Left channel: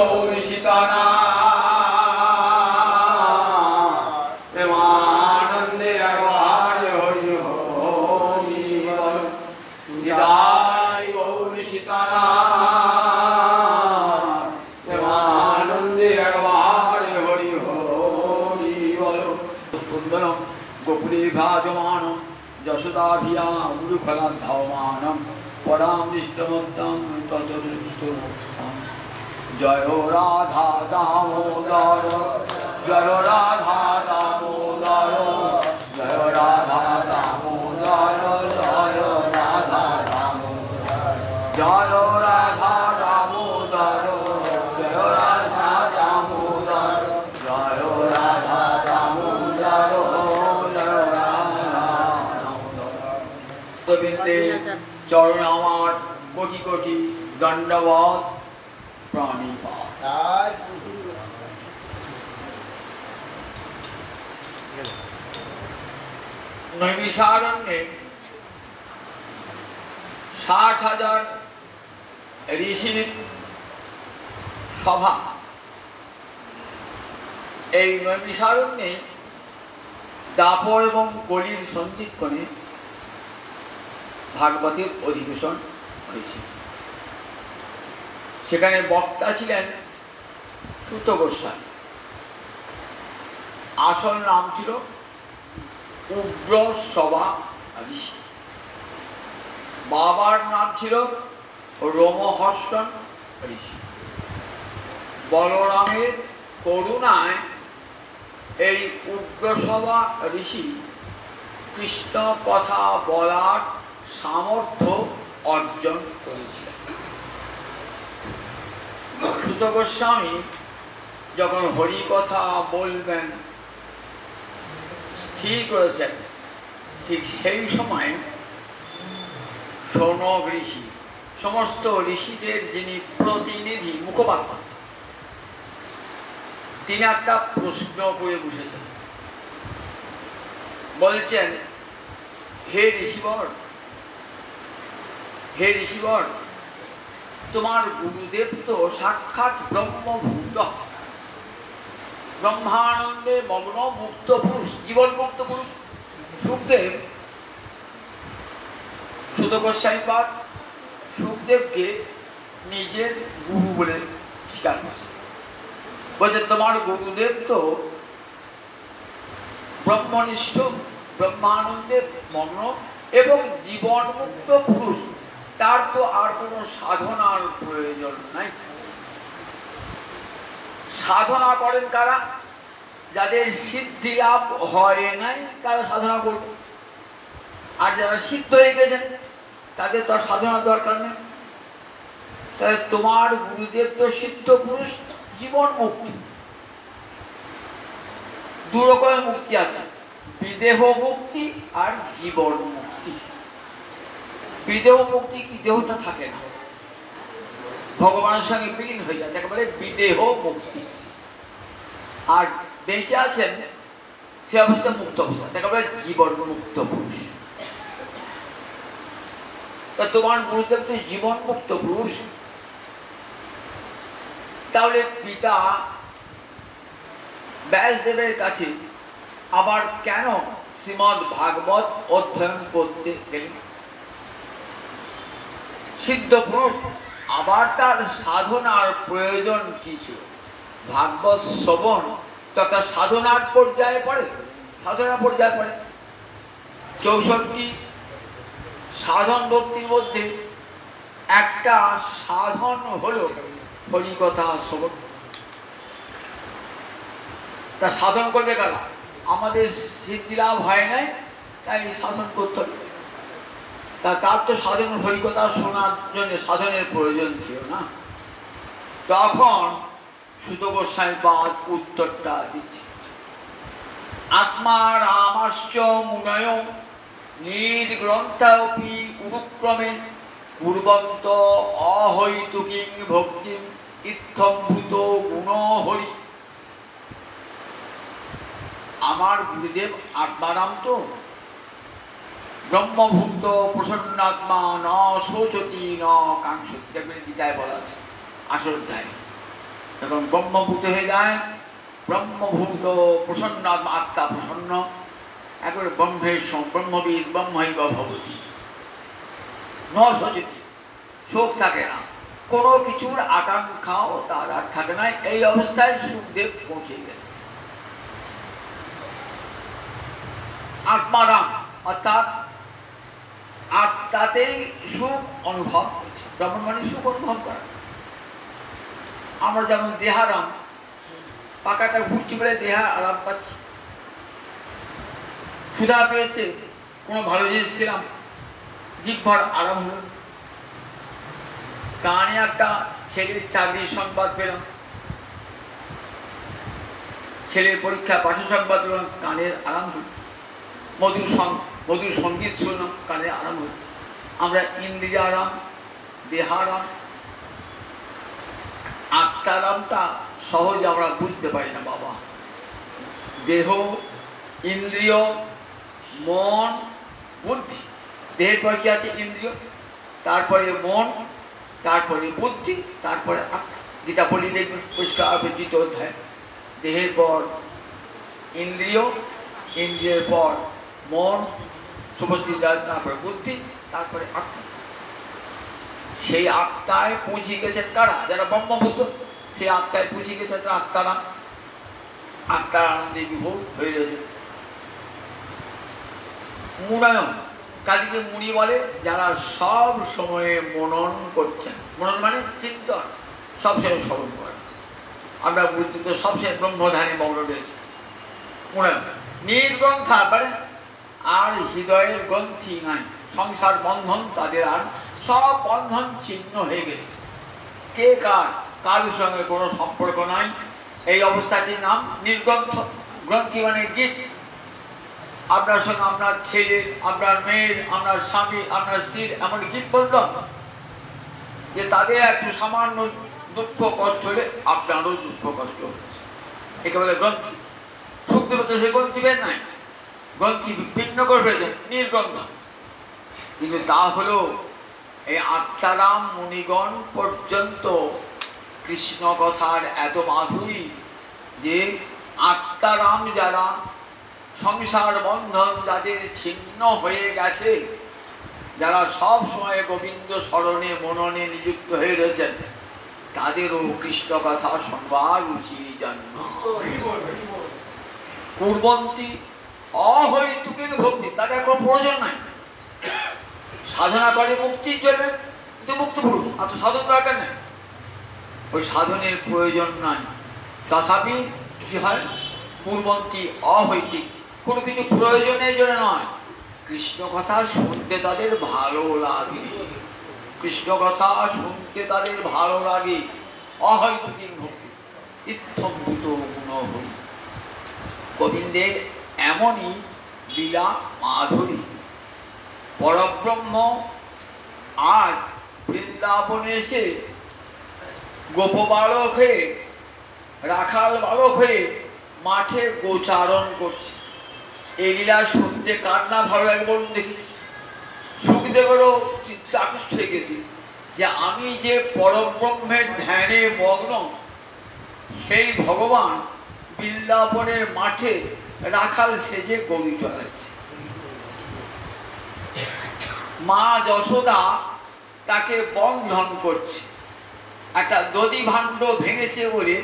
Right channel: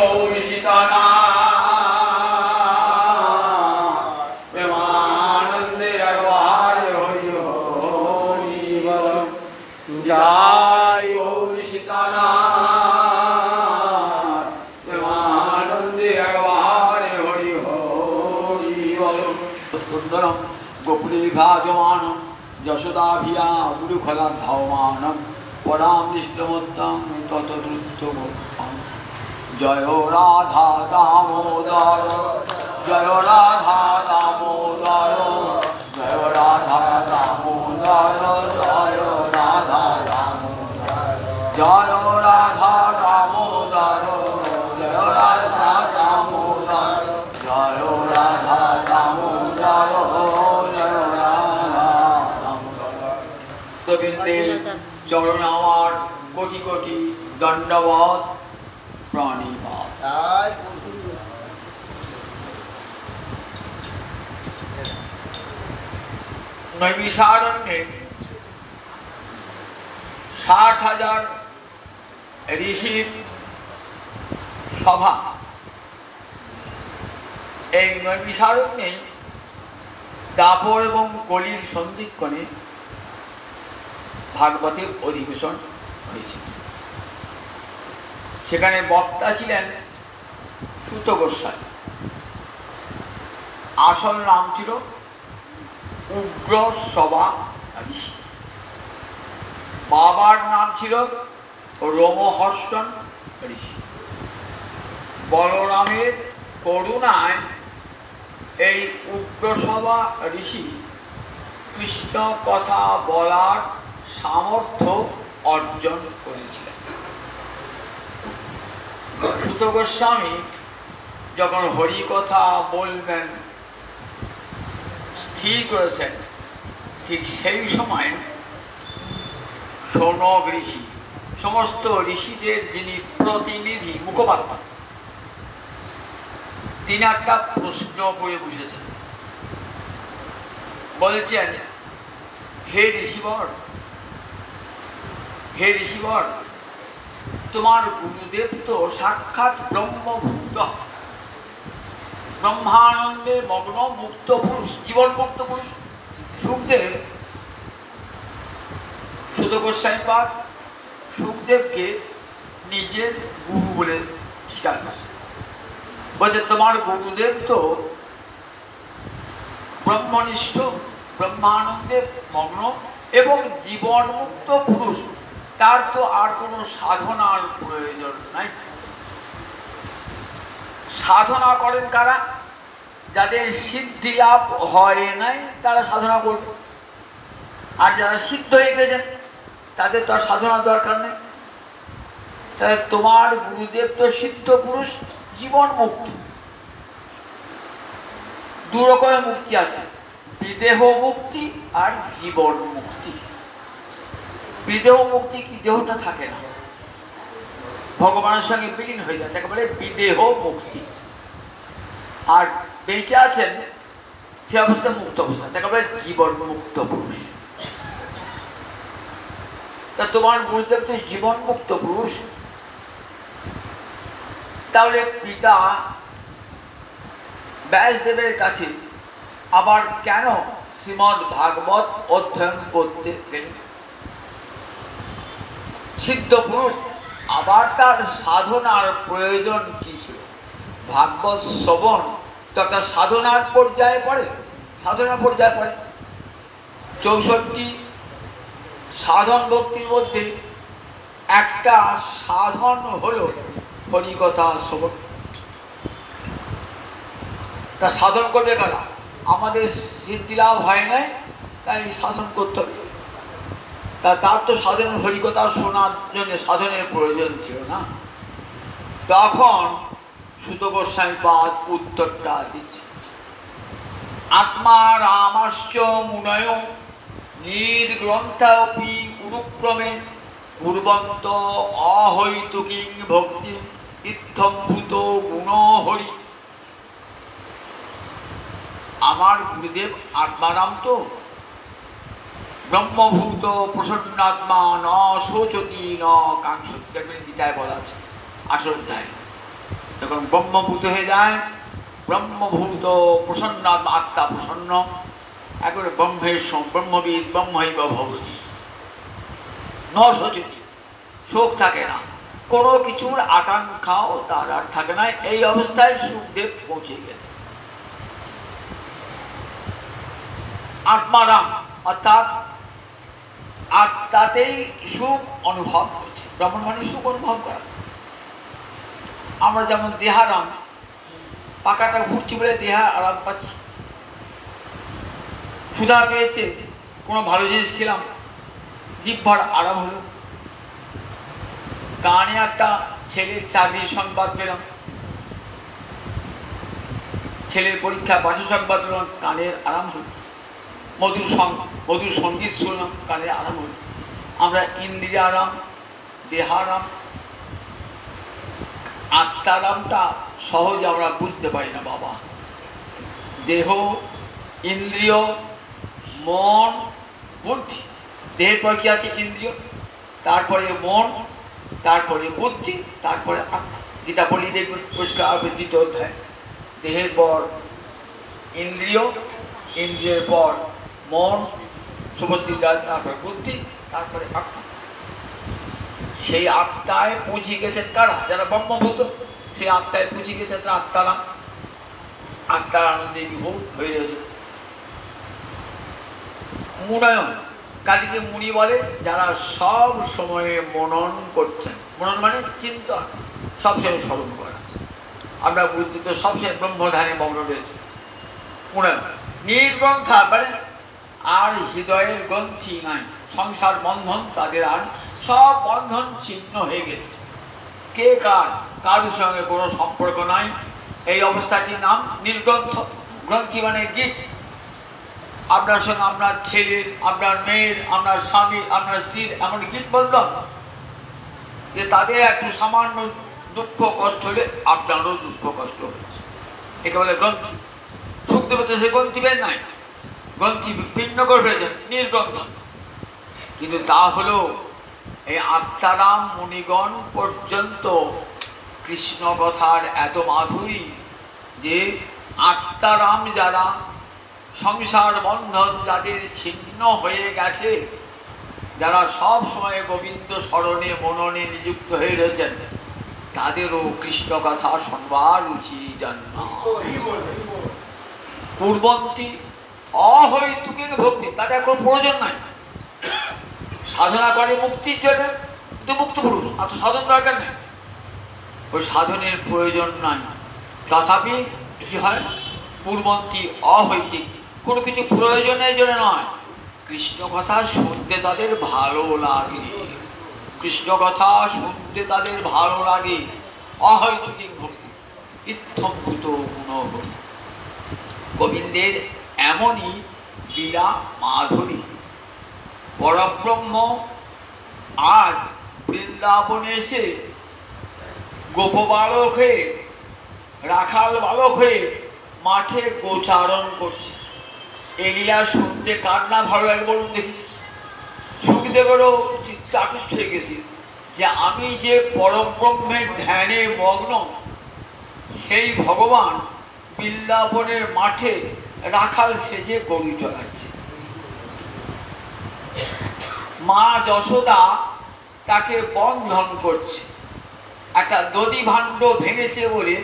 গৌরী সীতানা প্রেমানন্দে হরে হরি হরি বল। জয় গৌরী সীতানা প্রেমানন্দে হরে হরি হরি বল। সুন্দরম গোপুরে ভাজমান যশোদাভিয়া গুরুখলা ধাওমানম পরামৃষ্টমত্তম ততদৃষ্টমত্তম। জয় রাধা দামোদর জয় রাধা দামোদর জয় রাধা দামোদর জয় রাধা দামোদর জয় রাধা দামোদর জয় রাধা দামোদর জয় রাধা দামোদর জয় রাধা দামোদর। গোবিন্দে চরণ আমার কোটি কোটি দণ্ডবত প্রণিপাত। নৈমিষারণ্যে 60,000 ঋষির সভা। এই নৈমিষারণ্যে দাপর এবং কলির সন্ধিক্ষণে ভাগবতের অধিবেশন হয়েছিল। সেখানে বক্তা ছিলেন সুত গোস্বামী। আসল নাম ছিল উগ্র সভা ঋষি। বাবার নাম ছিল রোমহর্ষণ ঋষি। বলরামের করুণায় এই উগ্রসভা ঋষি কৃষ্ণ কথা বলার সামর্থ্য অর্জন করেছিলেন। সুত গোস্বামী যখন হরি কথা বলবেন স্থির করেছেন, ঠিক সেই সময় শৌনক ঋষি, সমস্ত ঋষিদের যিনি প্রতিনিধি মুখপাত্র, তিনি একটা প্রশ্ন করে বসেছেন। বলছেন, হে ঋষিবর, হে ঋষিবর, তোমার গুরুদেব তো সাক্ষাৎ ব্রহ্মভূত, ব্রহ্মানন্দে মগ্ন মুক্ত পুরুষ, জীবন মুক্ত পুরুষ। সুখদেব, সুত গোস্বামীপাদ সুখদেবকে নিজের গুরু বলে স্বীকার করছে। বলছে, তোমার গুরুদেব তো ব্রহ্মনিষ্ঠ, ব্রহ্মানন্দে মগ্ন এবং জীবন মুক্ত পুরুষ, তার তো আর কোনো সাধনার প্রয়োজন নাই। সাধনা করেন কারা? যাদের সিদ্ধি লাভ হয় নাই তারা সাধনা করবে, আর যারা সিদ্ধ হয়ে গেছেন তাদের তো আর সাধনার দরকার নেই। তাহলে তোমার গুরুদেব তো সিদ্ধ পুরুষ, জীবন মুক্তি। দু রকমের মুক্তি আছে, বিদেহ মুক্তি আর জীবন মুক্তি। বিদেহ মুক্তি কি দেহটা থাকে না, ভগবানের সঙ্গে বিলীন হয়ে যায়, তাকে বলে বিদেহ মুক্তি। আর বেঁচে আছেন সে অবস্থা মুক্ত অবস্থা, তাকে বলে জীবন মুক্ত পুরুষ। তা তোমার গুরুদেব তো জীবন মুক্ত পুরুষ, তাহলে পিতা ব্যাসদেবের কাছে আবার কেন শ্রীমদ্ ভাগবত অধ্যয়ন করতে গেলেন? সিদ্ধ পুরুষ, আবার তার সাধনার প্রয়োজন কি ছিল? ভাগবত শ্রবণ তো একটা সাধনার পর্যায়ে পড়ে, সাধনার পর্যায়ে পড়ে। 64 সাধন ভক্তির মধ্যে একটা সাধন হলো হরিকথা শ্রবণ। তা সাধন করবে কারা? আমাদের সিদ্ধি লাভ হয় নাই, তাই সাধন করতে হবে। তা তার তো সাধন হরিকথা শোনার জন্য সাধনের প্রয়োজন ছিল না। তখন সুত গোস্বামীপাদ উত্তরটা দিচ্ছে, আত্মা রামাশ্চ মুনয় নির্গ্রন্থাপি উরুক্রমে পূর্বন্ত অহৈতুকিং ভক্তি ইত্থম্ভূত গুণ হরি। আমার গুরুদেব আত্মারাম তো ব্রহ্মভূত প্রসন্নাত্মা ন শোচতি ন কাঙ্ক্ষতি, গীতায় বলা আছে 8 অধ্যায়। যখন ব্রহ্মভূত হয়ে যায়, ব্রহ্মভূত প্রসন্ন আত্মা প্রসন্ন, একবারে ব্রহ্মের ব্রহ্মবিদ ব্রহ্মৈব ভবতি, নশোচিত, শোক থাকে না, কোনো কিছুর আকাঙ্ক্ষাও তার আর থাকে না। এই অবস্থায় সুখদেব পৌঁছে গেছে। আত্মারাম অর্থাৎ আত্মাতেই সুখ অনুভব করছে। ব্রাহ্মণ মানে সুখ অনুভব করা। আমরা যেমন দেহারাম, পাকাটা ঘুরছি বলে দেহা আরাম পাচ্ছি। ক্ষুধা পেয়েছে, কোনো ভালো জিনিস খেলাম, জিহ্বার আরাম হলো। কানে একটা ছেলের চাকরির সংবাদ পেলাম, ছেলের পরীক্ষা পাঠ্য সংবাদ পেলাম, কানের আরাম হলো। মধুর সঙ্গীত শুনলাম, কানের আরাম হলো। আমরা ইন্দ্রিয় আরাম, দেহারাম, আত্মারামটা সহজে আমরা বুঝতে পারি না বাবা। দেহ, ইন্দ্রিয়, মন, বুদ্ধি। দেহের পর কি আছে? ইন্দ্রিয়, তারপরে মন, তারপরে বুদ্ধি, তারপরে আত্মা। গীতা বলি দেখবেন পরিষ্কার দ্বিতীয় অধ্যায়, দেহের পর ইন্দ্রিয়, ইন্দ্রিয়ের পর মন, সমষ্টি, তারপরে বুদ্ধি, তারপরে আত্মা। সেই আত্মায় পৌঁছে গেছে কারা? যারা ব্রহ্মভূত, সেই আত্মায় পৌঁছে গেছে তারা আত্মারাম। আত্মারানন্দে বিভোগ হয়ে রয়েছে। মুনায়ন, কাদিকে মুনি বলে যারা সব সময়ে মনন করছেন। মনন মানে চিন্তন, সবসময় স্মরণ করা। আমরা বুঝতে তো সবসময় ব্রহ্মধারী মগ্ন রয়েছে। মুনায়ন নির্গ্রন্থা মানে আর হৃদয়ের গ্রন্থি নাই, সংসার বন্ধন তাদের আর সব বন্ধন ছিন্ন হয়ে গেছে। কে কারোর সঙ্গে কোনো সম্পর্ক নাই। এই অবস্থাটির নাম নির্গ্রন্থ। গ্রন্থি মানে গীত। আপনার সঙ্গে আপনার ছেলের, আপনার মেয়ের, আপনার স্বামী, আপনার স্ত্রীর এমন গীত বন্ধন যে তাদের একটু সামান্য দুঃখ কষ্ট হলে আপনারও দুঃখ কষ্ট হচ্ছে। একে বলে গ্রন্থি। সুখদেব তো সে গ্রন্থি বের নাই, গ্রন্থি ভিন্ন করে ফেলেছেন, নির্গ্রন্থ। কিন্তু তা হলো এই আত্মারাম মুনিগণ পর্যন্ত কৃষ্ণ কথার এত মাধুরী যে আত্মারাম যারা, সংসার বন্ধন যাদের ছিন্ন হয়ে গেছে, যারা সব সময় গোবিন্দ স্মরণে মননে নিযুক্ত হয়ে রয়েছেন, তাদেরও কৃষ্ণ কথা শুনবার উচিত। পূর্বন্তী অহৈতুকিক ভক্তি, তাদের কোনো প্রয়োজন নাই। সাধনা করে মুক্তির জন্য, কিন্তু মুক্ত পুরুষ, অত সাধন দরকার নেই, ওই সাধনের প্রয়োজন নাই। তথাপি কি হয়? পূর্বন্তী অহৈতিক, কোনো কিছু প্রয়োজনের জন্য নয়, কৃষ্ণ কথা শুনতে তাদের ভালো লাগে। কৃষ্ণ কথা শুনতে তাদের ভালো লাগে। অহৈতুকিক ভক্তি, ইত্থম্ভূত গুণভক্তি। গোবিন্দের এমনই লীলা মাধুরী। পরব্রহ্ম আজ বৃন্দাবনে এসে গোপ বালক হয়ে, রাখাল বালক হয়ে মাঠে গোচারণ করছে। এই লীলা শুনতে কার না ভালো লাগে বলুন দেখি? সুখদেবেরও চিত্ত আকৃষ্ট হয়ে গেছে যে আমি যে পরব্রহ্মের ধ্যানে মগ্ন, সেই ভগবান বৃন্দাবনের মাঠে রাখাল সেজে গরু চড়াচ্ছে। মা যশোদা তাকে বন্ধন করছে। একটা দধি ভাণ্ড ভেঙেছে বলে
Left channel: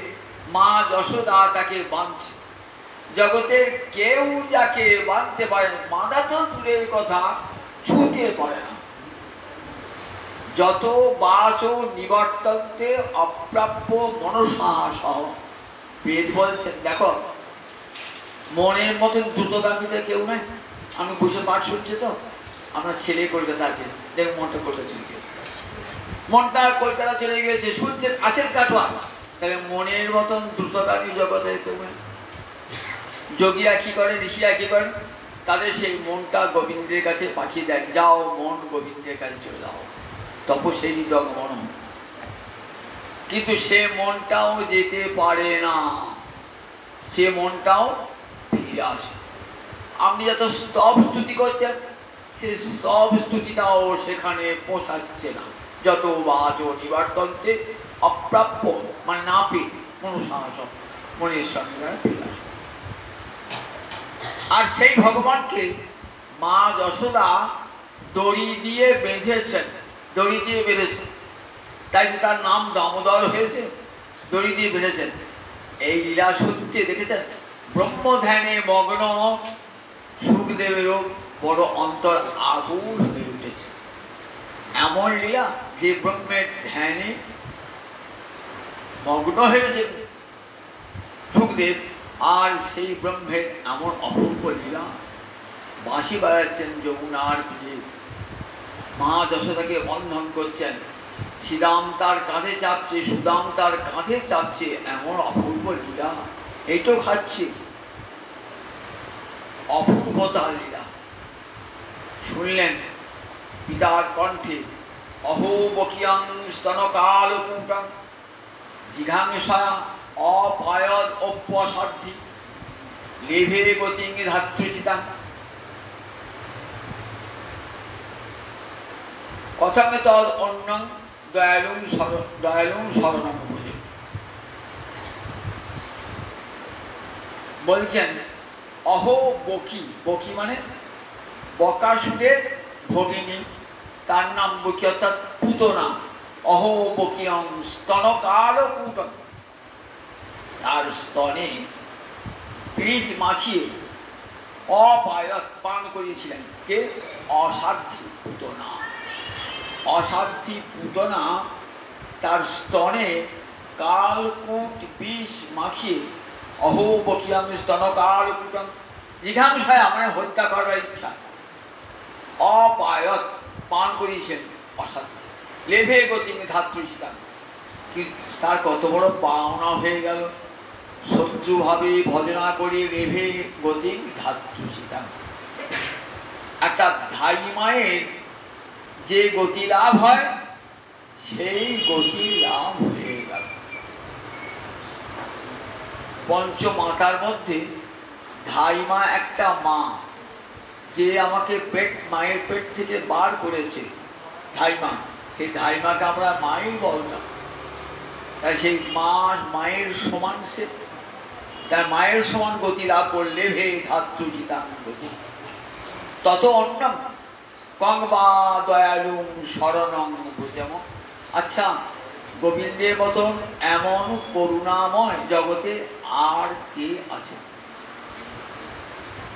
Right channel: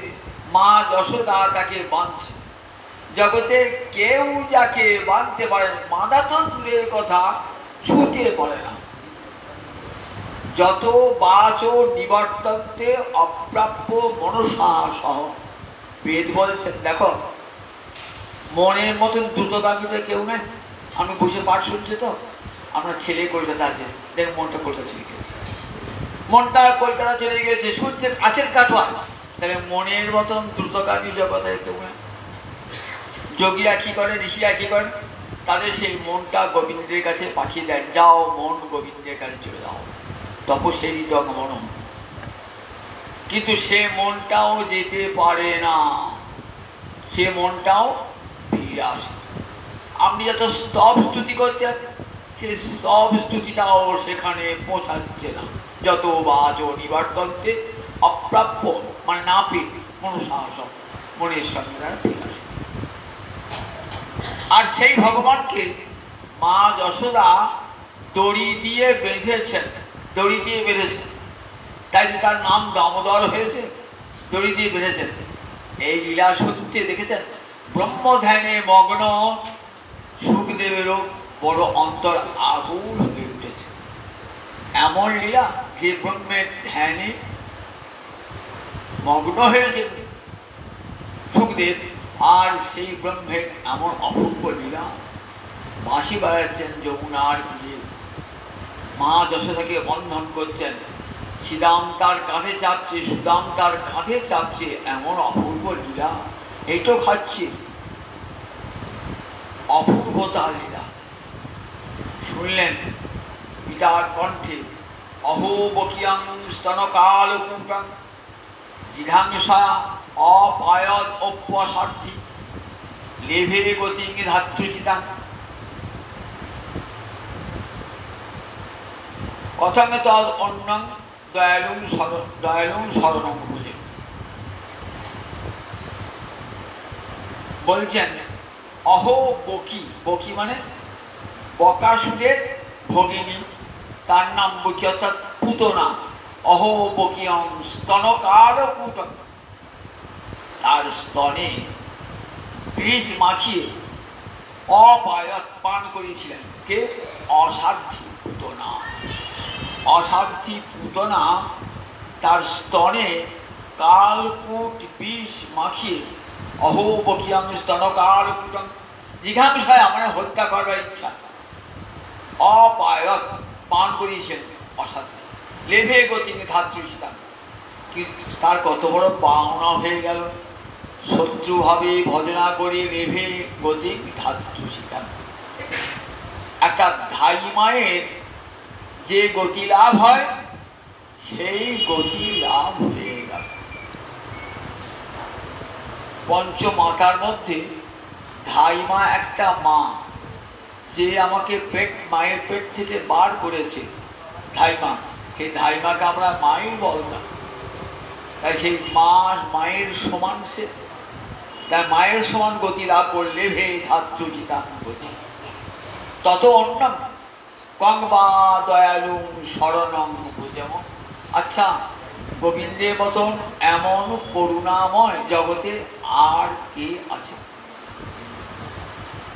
মা যশোদা তাকে বাঁধছে। জগতের কেউ যাকে বাঁধতে পারে, বাঁধা তো দূরের কথা, ছুটে পড়ে না। যত বাচ নিবর্তন্তে অপ্রাপ্য মনসা সহ, বেদ বলছেন। দেখো, মনের মতন দ্রুতগামী তো কেউ নাই। আমি বসে পাঠ শুনছি তো, আমার ছেলে কলকাতা আছে, দেখ মনটা কলকাতা চলে গেছে, মনটা কলকাতা চলে গেছে, শুনছেন আছেন কাটোয়া। তাহলে মনের মতন দ্রুতগামী জগতে কেউ নেই। যোগীরা কি করেন, ঋষিরা কি করেন? তাদের সেই মনটা গোবিন্দের কাছে পাঠিয়ে দেন, যাও মন গোবিন্দের কাছে চলে যাও, তপস্যারই মনম। কিন্তু সে মনটাও যেতে পারে না, সে মনটাও ফিরে আসে। আপনি যত স্তব স্তুতি করছেন, সে সব স্তুতিটাও সেখানে পৌঁছাচ্ছে না। যত বাচ নিবর্তন্তে অপ্রাপ্য মানে না পেয়ে, মনুসাহসম, মনির সঙ্গে তারা ফিরে আসে। আর সেই ভগবানকে মা যশোদা দড়ি দিয়ে বেঁধেছেন, দড়ি দিয়ে বেঁধেছেন, তাই তো তার নাম দামোদর হয়েছে, দড়ি দিয়ে বেঁধেছেন। এই লীলা সত্যি দেখেছেন, ব্রহ্ম ধ্যানে মগ্ন সুখদেবেরও বড় অন্তর আগুন হয়ে উঠেছে। এমন লীলা যে ব্রহ্মের ধ্যানে মগ্ন হয়েছে সুখদেব, আর সেই ব্রহ্মের এমন অপূর্ব লীলা, বাঁশি বাজাচ্ছেন যমুনার তীরে, মা যশোদাকে বন্ধন করছেন, শ্রীদাম তার কাঁধে চাপছে, সুদাম তার কাঁধে চাপছে, এমন অপূর্ব লীলা। এইটো খাচ্ছে অপূর্বতার লীলা। শুনলেন পিতার কণ্ঠে, অহো বকিয়াং স্তনকাল কূটাং জিঘাংসয়া অপায়দ অপ্যসার্থী লেভে গতিং ধাত্রুচিতাং কথং তদ অন্যং দয়ালুং শরণং ভুজে। বলছেন অহো বকি, বকি মানে বকাসুরের ভগিনী, তার নাম বকি অর্থাৎ পুতনা। অহো বকিয়ং স্তনকাল কূটং, তার স্তনে বিষ মাখিয়ে অপায়ত পান করিয়েছিলেন কে? অসাধ্যী পুতনা। অসাধ্যী পুতনা তার স্তনে কালকূট বিষ মাখিয়ে অহো বকিয়াং স্তনকাল কূটং জিঘাংসয়া মানে হত্যা করবার ইচ্ছা, অপায়ত পান করিয়েছেন অসাধ্য। লেভে গতিং ধাত্রুচিতাং, কিন্তু তার কত বড় পাওনা হয়ে গেল, শত্রুভাবে ভজনা করে লেভে গতিং ধাত্রুচিতাং। একটা ধাই মায়ের যে গতি লাভ হয় সেই গতি লাভ হয়ে গেল। পঞ্চমাতার মধ্যে ধাইমা একটা মা, যে আমাকে মায়ের পেট থেকে বার করেছে, ধাইমা, সেই ধাইমাকে আমরা মাই বলতাম। তাই সেই মায়ের সমান সে, তাই মায়ের সমান গতি লাভ করলে ভে ধাত্রুচিতাং গতি তত অন্যম কংবা দয়ালুং শরণং ভুজম। আচ্ছা, গোবিন্দের মতন এমন করুণাময় জগতে আর কে আছে?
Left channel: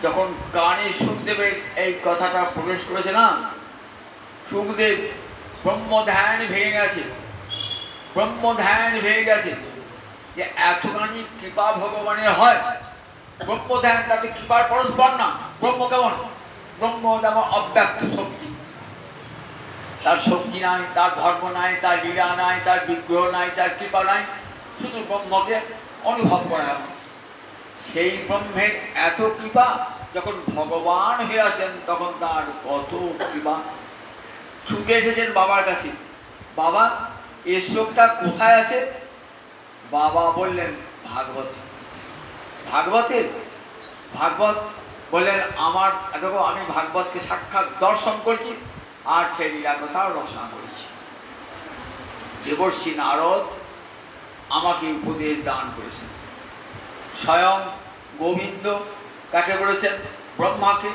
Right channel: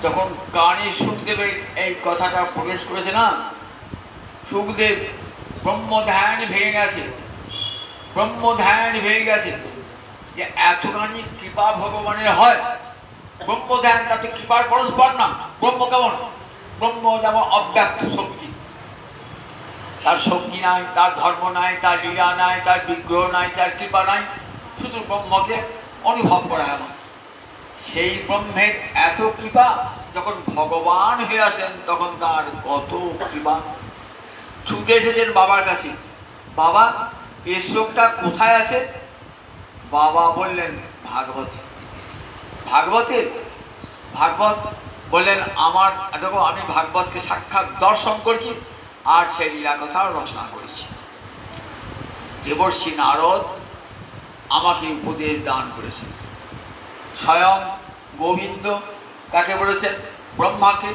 যখন কানে সুখদেবের এই কথাটা প্রবেশ করেছে না, সুখদেব ব্রহ্ম ধ্যান ভেঙে গেছে, ব্রহ্ম ধ্যান ভেঙে গেছে যে এতখানি কৃপা ভগবানের হয়। ব্রহ্ম ধ্যান তাতে কৃপার পরস্পর না। ব্রহ্ম কেমন? ব্রহ্ম যেমন অব্যক্ত শক্তি, তার শক্তি নাই, তার ধর্ম নাই, তার লীলা নাই, তার বিগ্রহ নাই, তার কৃপা নাই, শুধু ব্রহ্মকে অনুভব করা হয়। সেই ব্রহ্মের এত কৃপা, যখন ভগবান হয়ে আসেন তখন তার কত কৃপা। ছুটে এসেছেন বাবার কাছে, বাবা এই শ্লোকটা কোথায় আছে? বাবা বললেন ভাগবতে। ভাগবতের ভাগবত বললেন আমার দেখো, আমি ভাগবতকে সাক্ষাৎ দর্শন করছি আর সেই লীলা কথা রচনা করেছি। দেবর্ষি নারদ আমাকে উপদেশ দান করেছেন। স্বয়ং গোবিন্দ তাকে বলেছেন ব্রহ্মাকে,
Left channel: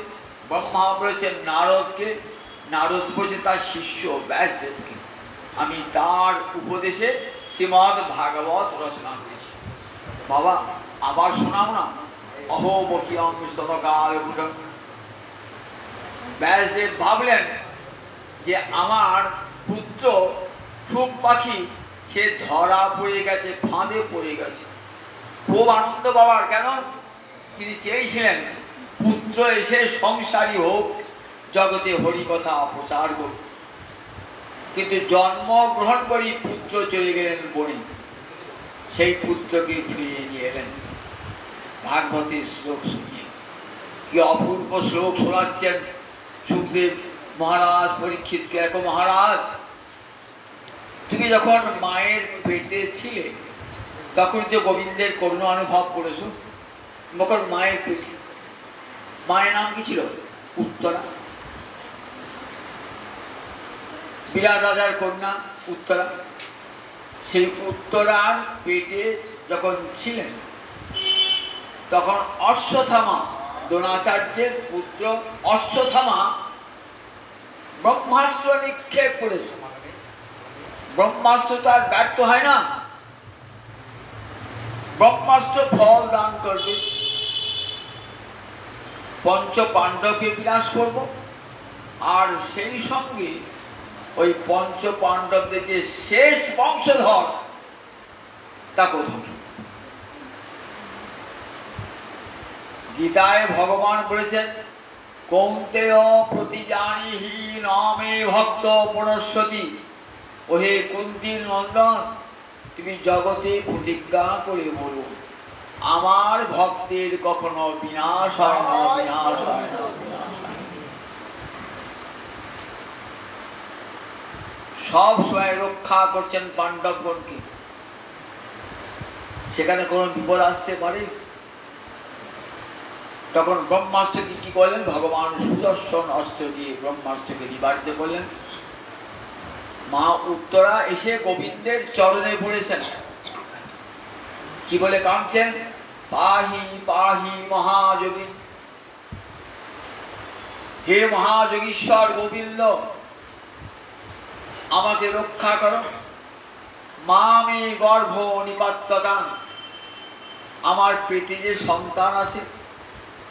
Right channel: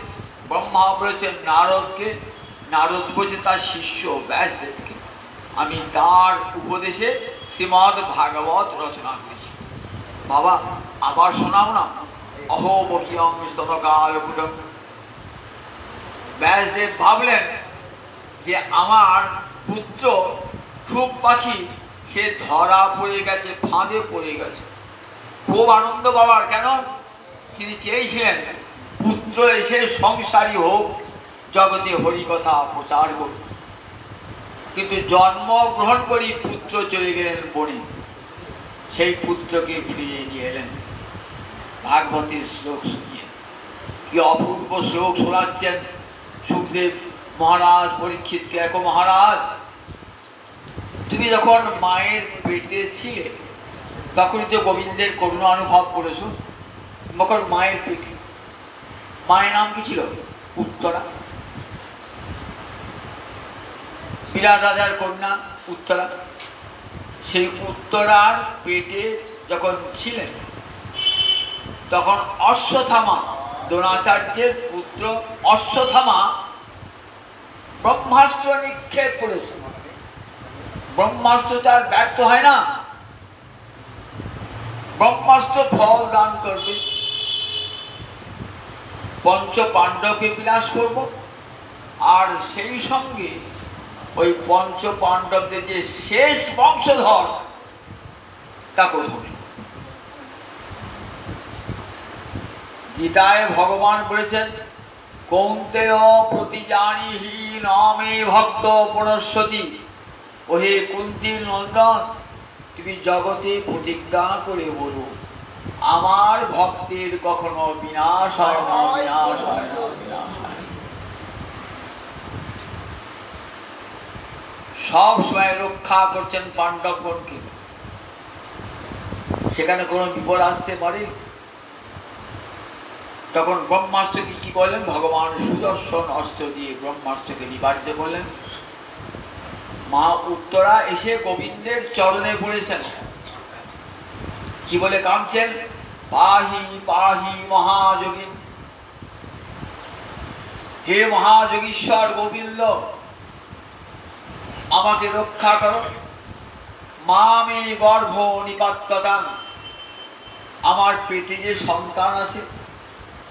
ব্রহ্মা বলেছেন নারদকে, নারদ বলেছেন তার শিষ্য ব্যাসদেবকে। আমি তার উপদেশে শ্রীমদ্ ভাগবত রচনা করেছি। বাবা আবার শোনাও না, অহো বকিয়ং স্তনকাল কূটং। ব্যাসদেব ভাবলেন যে আমার পুত্র সুখ পাখি সে ধরা পড়ে গেছে, ফাঁদে পড়ে গেছে। খুব আনন্দ বাবার, কেন? তিনি চেয়েছিলেন পুত্র এসে সংসারী হোক, জগতে হরিকথা প্রচার করুক। কিন্তু জন্মগ্রহণ করি পুত্র চলে গেলেন বনে, সেই পুত্রকে ফিরিয়ে নিয়ে এলেন ভাগবতের শ্লোক শুনিয়ে। কি অপূর্ব শ্লোক শোনাচ্ছেন সুখদেব মহারাজ পরীক্ষিতকে। দেখো মহারাজ, তুমি যখন মায়ের পেটে ছিলে তখন তো গোবিন্দের করুণা অনুভব করেছো। তখন মায়ের পেটে, মায়ের নাম কি ছিল? উত্তরা। বিরাট রাজার কন্যা উত্তরা। সেই উত্তরার পেটে যখন ছিলেন তখন অশ্বত্থামা, দ্রোণাচার্যের পুত্র অশ্বত্থামা ব্রহ্মাস্ত্র নিক্ষেপ করেছে। ব্রহ্মাস্ত্র তার ব্যর্থ হয় না, ব্রহ্মাস্ত্র ফল দান করবে। পঞ্চ পাণ্ডবকে বিনাশ করব, আর সেই সঙ্গে ওই পঞ্চ পাণ্ডবদের যে শেষ বংশধর তাকে ধ্বংস। গীতায় ভগবান বলেছেন, কৌন্তেয় প্রতিজানিহি নামে ভক্ত পুনঃসতি। ওহে কুন্তীর নন্দন, তুমি জগতে প্রতিজ্ঞা করে বলো, আমার ভক্তের কখনো বিনাশ হয় না, বিনাশ হয় না, বিনাশ হয় না। সব সময় রক্ষা করছেন পাণ্ডবগণকে। সেখানে কোনো বিপদ আসতে পারে। তখন ব্রহ্মাস্ত্রকে কি করলেন? ভগবান সুদর্শন অস্ত্র দিয়ে ব্রহ্মাস্ত্রকে নিবারিত করলেন। মা উত্তরা এসে গোবিন্দের চরণে পড়েছেন, কি বলে কাঁদছেন? পাহি পাহি মহাযোগী, হে মহাযোগীশ্বর গোবিন্দ, আমাকে রক্ষা করো। মামে গর্ভ নিপাত্যতাং, আমার পেটে যে সন্তান আছে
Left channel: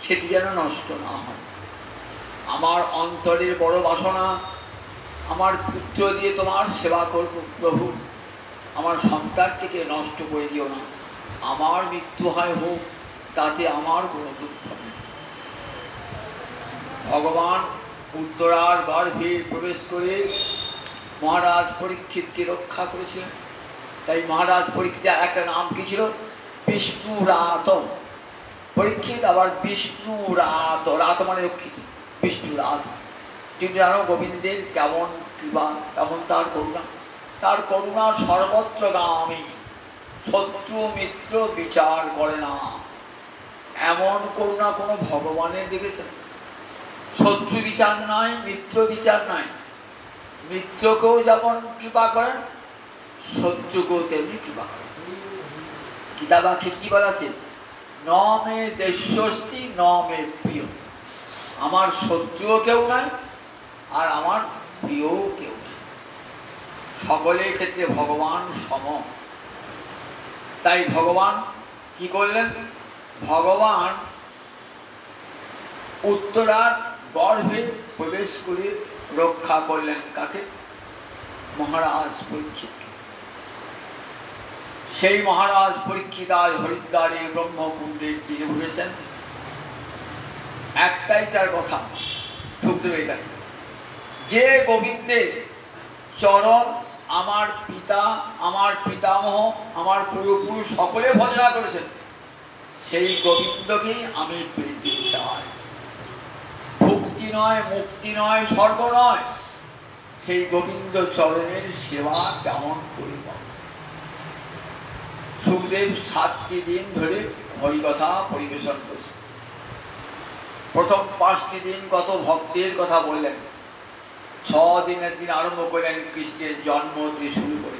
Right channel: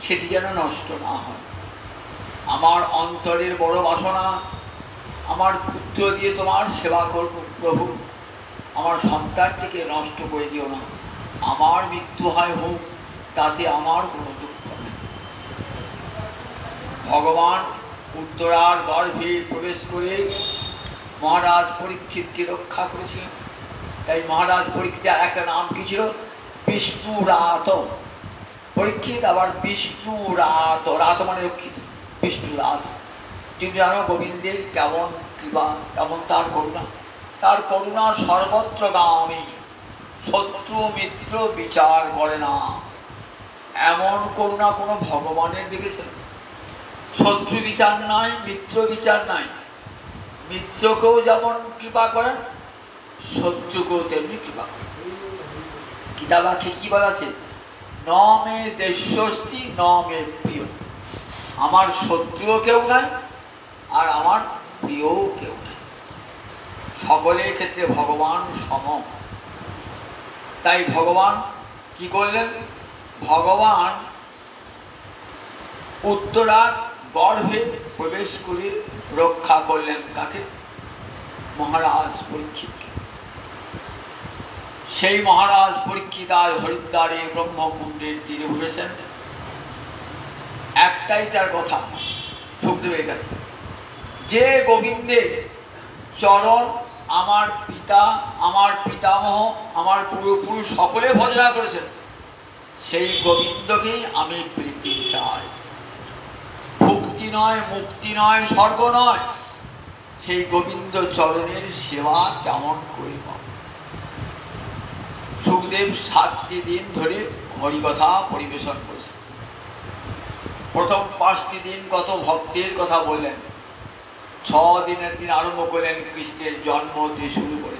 সেটি যেন নষ্ট না হয়। আমার অন্তরের বড় বাসনা, আমার পুত্র দিয়ে তোমার সেবা করব প্রভু, আমার সন্তানটিকে নষ্ট করে দিও না। আমার মৃত্যু হয় হোক, তাতে আমার কোনো দুঃখ নেই। ভগবান উত্তরার গর্ভে প্রবেশ করে মহারাজ পরীক্ষিতকে রক্ষা করেছিলেন। তাই মহারাজ পরীক্ষিতের একটা নাম কি ছিল? বিষ্ণুরাত। পরীক্ষিত আবার বিষ্ণুরাত, রাত মানে রক্ষিত, বিষ্ণুরাত। তুমি জানো গোবিন্দের কেমন কৃপা, কেমন তার করুণা। তার করুণা সর্বত্রগামী, শত্রু মিত্র বিচার করে না। এমন করুণা কোনো ভগবানের দেখেছেন? শত্রু বিচার নাই, মিত্র বিচার নাই। মিত্রকেও যেমন কৃপা করেন, শত্রুকেও তেমনি কৃপা করেন। গীতাবাক্যে কি বলা আছে? ন মে দেশস্তি ন মে প্রিয়। আমার শত্রুও কেউ নাই, আর আমার প্রিয়ও কেউ নাই। সকলের ক্ষেত্রে ভগবান সম। তাই ভগবান কি করলেন? ভগবান উত্তরার গর্ভে প্রবেশ করে রক্ষা করলেন কাকে? মহারাজ পরীক্ষিত। সেই মহারাজ পরীক্ষিত আজ হরিদ্বারে ব্রহ্মকুণ্ডের তীরে বসেছেন। একটাই তার কথা সুখদেবের কাছে, যে গোবিন্দের চরণ আমার পিতা, আমার পিতামহ, আমার পূর্বপুরুষ সকলে ভজনা করেছেন, সেই গোবিন্দকে আমি পেতে চাই। ভক্তি নয়, মুক্তি নয়, স্বর্গ নয়, সেই গোবিন্দ চরণের সেবা কেমন করে পাব? সুখদেব 7টি দিন ধরে হরিকথা পরিবেশন করেছে। প্রথম 5টি দিন কত ভক্তের কথা বললেন। 6 দিনের দিন আরম্ভ করলেন কৃষ্ণের জন্ম দিয়ে শুরু করে।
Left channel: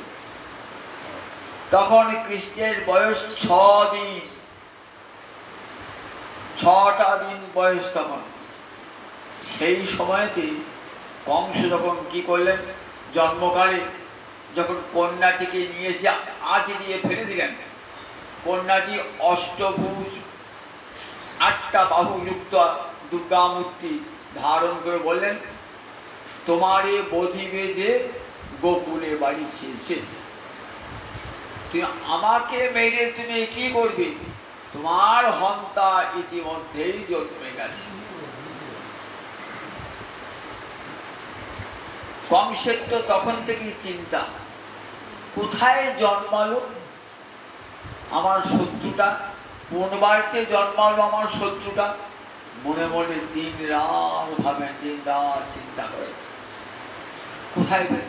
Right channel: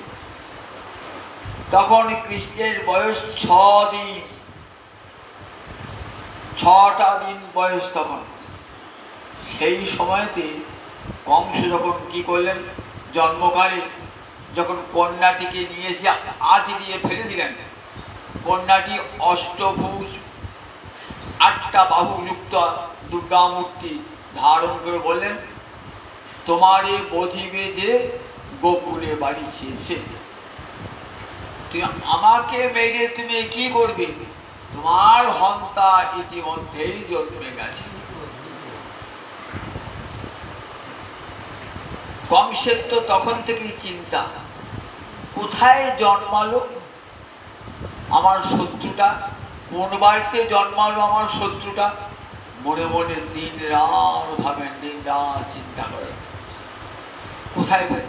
তখন কৃষ্ণের বয়স 6 দিন, 6টা দিন বয়স। তখন সেই সময়তে কংস যখন কি করলেন, জন্মকালে যখন কন্যাটিকে নিয়ে এসে আঁচড়িয়ে ফেলে দিলেন, কন্যাটি অষ্টভুজ 8টা বাহুযুক্ত দুর্গা মূর্তি ধারণ করে বললেন, তোমারে বধিবে যে গোকুলে বাড়ি ছেড়ে, তুমি আমাকে মেরে তুমি কি করবে? তোমার হন্তা ইতিমধ্যেই জন্মে গেছে। কংসের তো তখন থেকেই চিন্তা, কোথায় জন্মালো আমার শত্রুটা, কোন বাড়িতে জন্মালো আমার শত্রুটা। মনে মনে দিন রাত ভাবেন, দিন রাত চিন্তা করেন কোথায় গেল।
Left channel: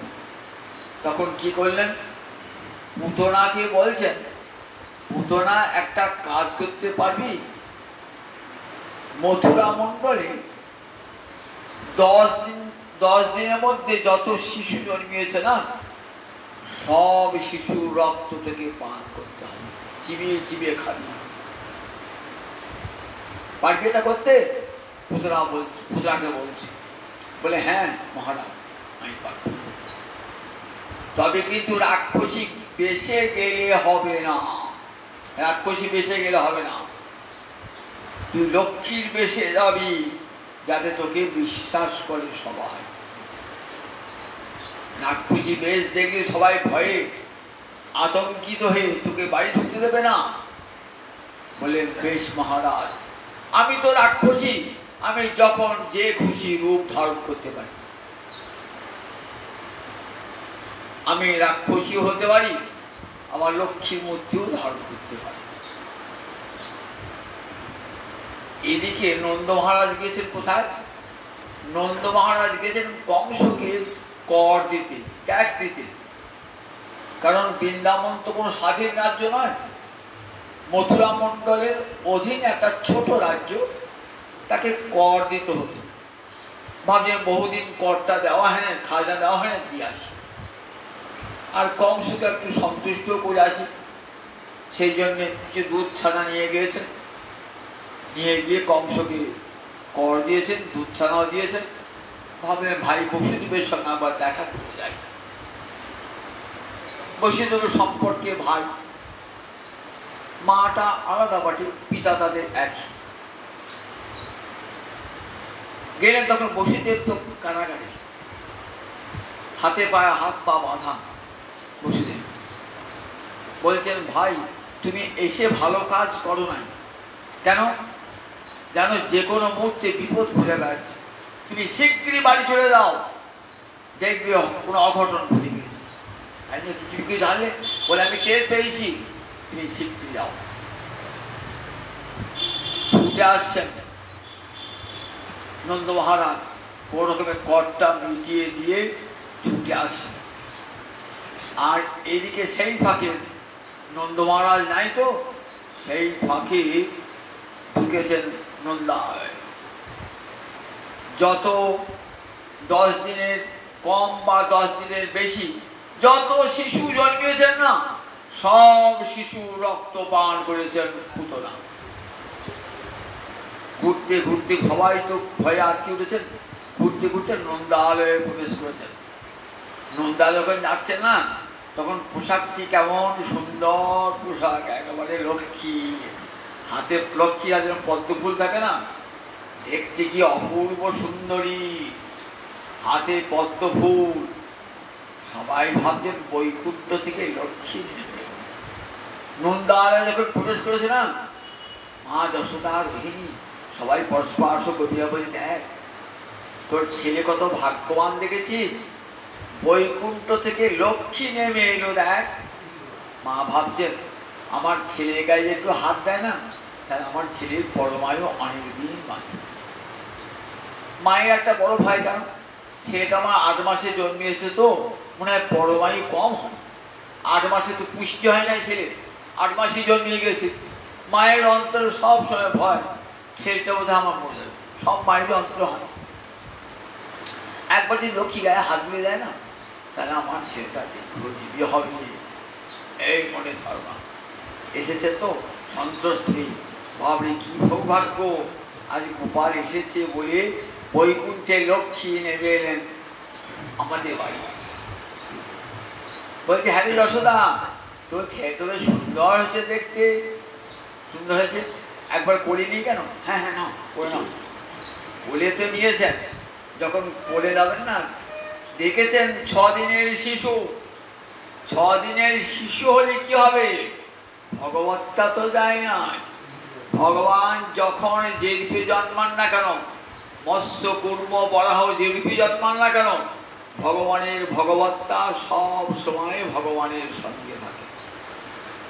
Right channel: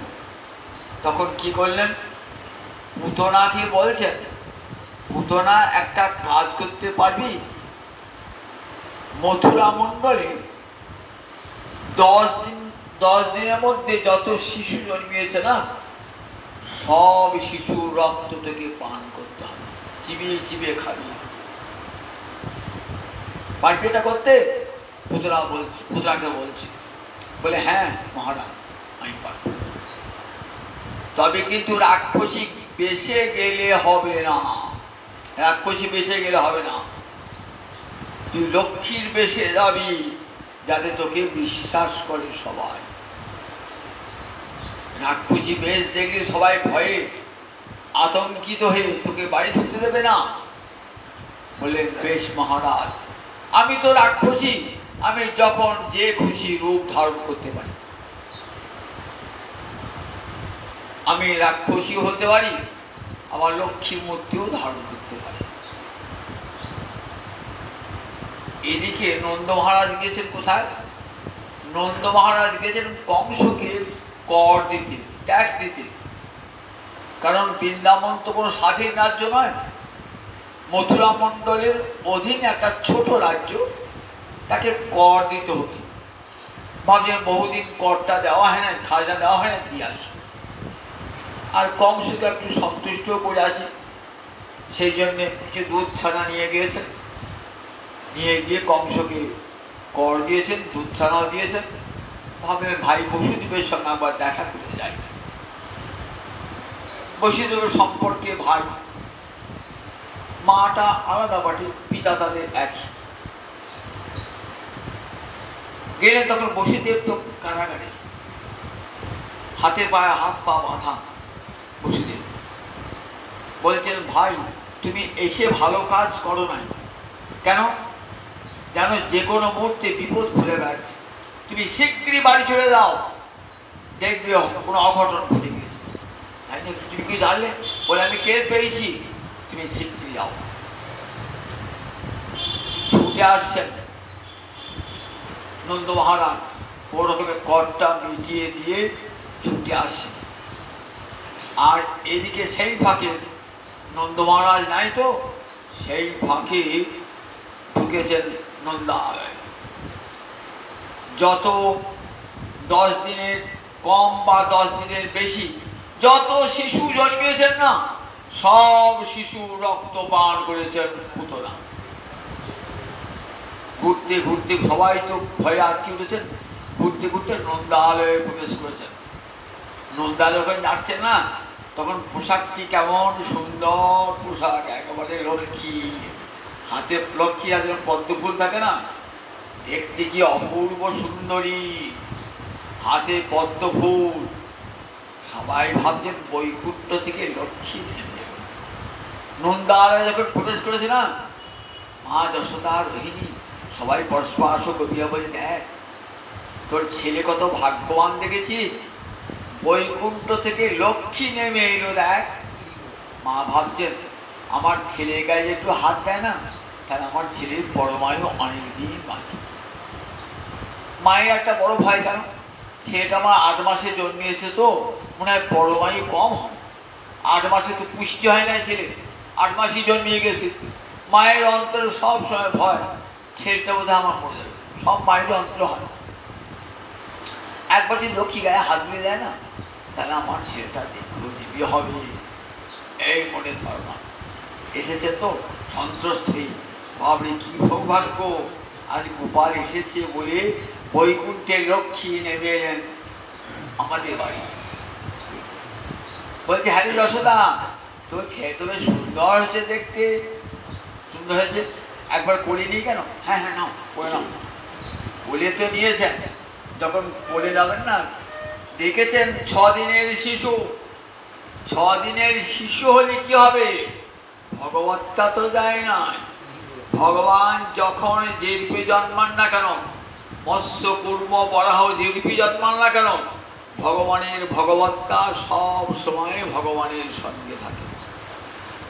তখন কি করলেন? পুতনাকে বলছেন, পুতনা একটা কাজ করতে পারবি? মথুরা মণ্ডলে 10 দিনের মধ্যে যত শিশু জন্মিয়েছে না, সব শিশুর রক্ত থেকে পান করতে হবে, চিবিয়ে চিবিয়ে খাবি। পারবি এটা করতে? পুতনাকে বলছে, বলে হ্যাঁ মহারাজ আমি পারব, তবে কিন্তু রাক্ষসী বেশে গেলে হবে না। রাক্ষসী বেশে গেলে হবে না, তুই লক্ষ্মীর বেশে যাবি, যাতে তোকে বিশ্বাস করে সবাই। রাক্ষসী বেশ দেখলে সবাই ভয়ে আতঙ্কিত হয়ে তোকে বাড়ি ঢুকতে দেবে না। বললেন বেশ মহারাজ, আমি তো রাক্ষসী, আমি যখন যে খুশি রূপ ধারণ করতে পারি। আমি রাক্ষসী হতে পারি, আবার লক্ষ্মী মূর্তিও ধারণ করতে পারি। এদিকে নন্দ মহারাজ গিয়েছেন কোথায়? নন্দ মহারাজ গিয়েছেন কংসকে কর দিতে, ট্যাক্স দিতে। কারণ বৃন্দাবন তো কোনো স্বাধীন রাজ্য নয়, মথুরা মণ্ডলের অধীন একটা ছোট রাজ্য, তাকে কর দিতে হতো। ভাবছেন বহুদিন করটা দেওয়া হয় না, খাজনা দেওয়া হয় না, দিয়ে আসে। আর কংসকে একটু সন্তুষ্ট করে আসি, সেই জন্য কিছু দুধ ছানা নিয়ে গিয়েছেন, নিয়ে গিয়ে কংসকে কর দিয়েছেন, দুধ ছানাও দিয়েছেন। ভাবলেন ভাই বসুদেবের সঙ্গে আবার দেখা করে যাই। বসুদেবের সম্পর্কে ভাই, মাটা আলাদা বাটি, পিতা তাদের একই। গেলেন তখন বসুদেব তো কারাগারে, হাতে পায়ে হাত পা বাঁধা। বসুদেব বলছেন ভাই তুমি এসে ভালো কাজ করো নাই, কেন জানো যে কোনো মুহূর্তে বিপদ ঘুরে গেছে, তুমি শীঘ্রই বাড়ি চলে যাও, দেখবে কোনো অঘটন ঘটে গেছে। তাই না, তুমি কি জানলে? বলে আমি টের পেয়েছি, তুমি শীঘ্রই যাও। ছুটে আসছেন নন্দ মহারাজ, কোন রকমের করটা মিটিয়ে দিয়ে ছুটে আসছেন। আর এদিকে সেই ফাঁকে নন্দ মহারাজ নাই তো, সেই ফাঁকে ঢুকেছেন নন্দালয়। যত 10 দিনের কম বা 10 দিনের বেশি যত শিশু জন্মিয়েছেন না, সব শিশু রক্ত পান করেছেন পুতনা। ঘুরতে ঘুরতে সবাই তো ভয়ে আটকে উঠেছেন, ঘুরতে ঘুরতে নন্দালয়ে প্রবেশ করেছেন। নন্দালয় যখন যাচ্ছেন না, তখন পোশাকটি কেমন সুন্দর পোশাক, একেবারে লক্ষ্মী, হাতে লক্ষ্মী হাতে পদ্ম ফুল থাকে না, দেখতে কি অপূর্ব সুন্দরী, হাতে পদ্ম ফুল। সবাই ভাবছেন বৈকুণ্ঠ থেকে লক্ষ্মী নেবে। নন্দালয়ে যখন প্রবেশ করেছে না, মা যশোদা রোহিণী সবাই পরস্পর গভীরা বলে, দেখ তোর ছেলে কত ভাগ্যবান দেখেছিস, বৈকুণ্ঠ থেকে লক্ষ্মী নেমে এলো দেখ। মা ভাবছেন আমার ছেলের গায়ে একটু হাত দেয় না, তাহলে আমার ছেলের পরমায়ু অনেকদিন বাঁচে। মায়ের একটা বড় ভাই, কেন ছেলেটা আমার 8 মাসে জন্মিয়েছে, তো মনে হয় পরমায়ু কম হয়। 8 মাসে তো পুষ্টি হয় না ছেলে, 8 মাসই জন্মিয়ে গেছে। মায়ের অন্তরে সব সময় ভয়, ছেলেটা বোধহয় আমার মরে যাবে, সব মায়ের অন্তর হয়। একবার যদি লক্ষ্মী গায়ে হাত দিয়ে দেয় না, তাহলে আমার ছেলেটা দীর্ঘজীবী হবে, এই মনে ধারণা এসেছে। তো সন্ত্রস্ত্রী বাবরে কি সৌভাগ্য, আজ গোপাল এসেছে বলে বৈকুণ্ঠের লক্ষ্মী নেমে এলেন আমাদের বাড়িতে। বলছে হ্যাঁ যশোদা, তোর ছেলে তো বেশ সুন্দর হয়েছে দেখতে, সুন্দর হয়েছে, একবার কোলে নিই কেন? হ্যাঁ হ্যাঁ নাও, করে নাও। কোলে তো নিয়েছেন, যখন কোলে যাবেন না, দেখেছেন 6 দিনের শিশু। 6 দিনের শিশু হলে কি হবে? ভগবত্তা তো যায় না। ভগবান যখন যে রূপে জন্মান না কেন, মৎস্য কুর্ম বরাহ যে রূপে জন্মান না কেন, ভগবানের ভগবত্তা সব সময় ভগবানের সঙ্গে থাকে।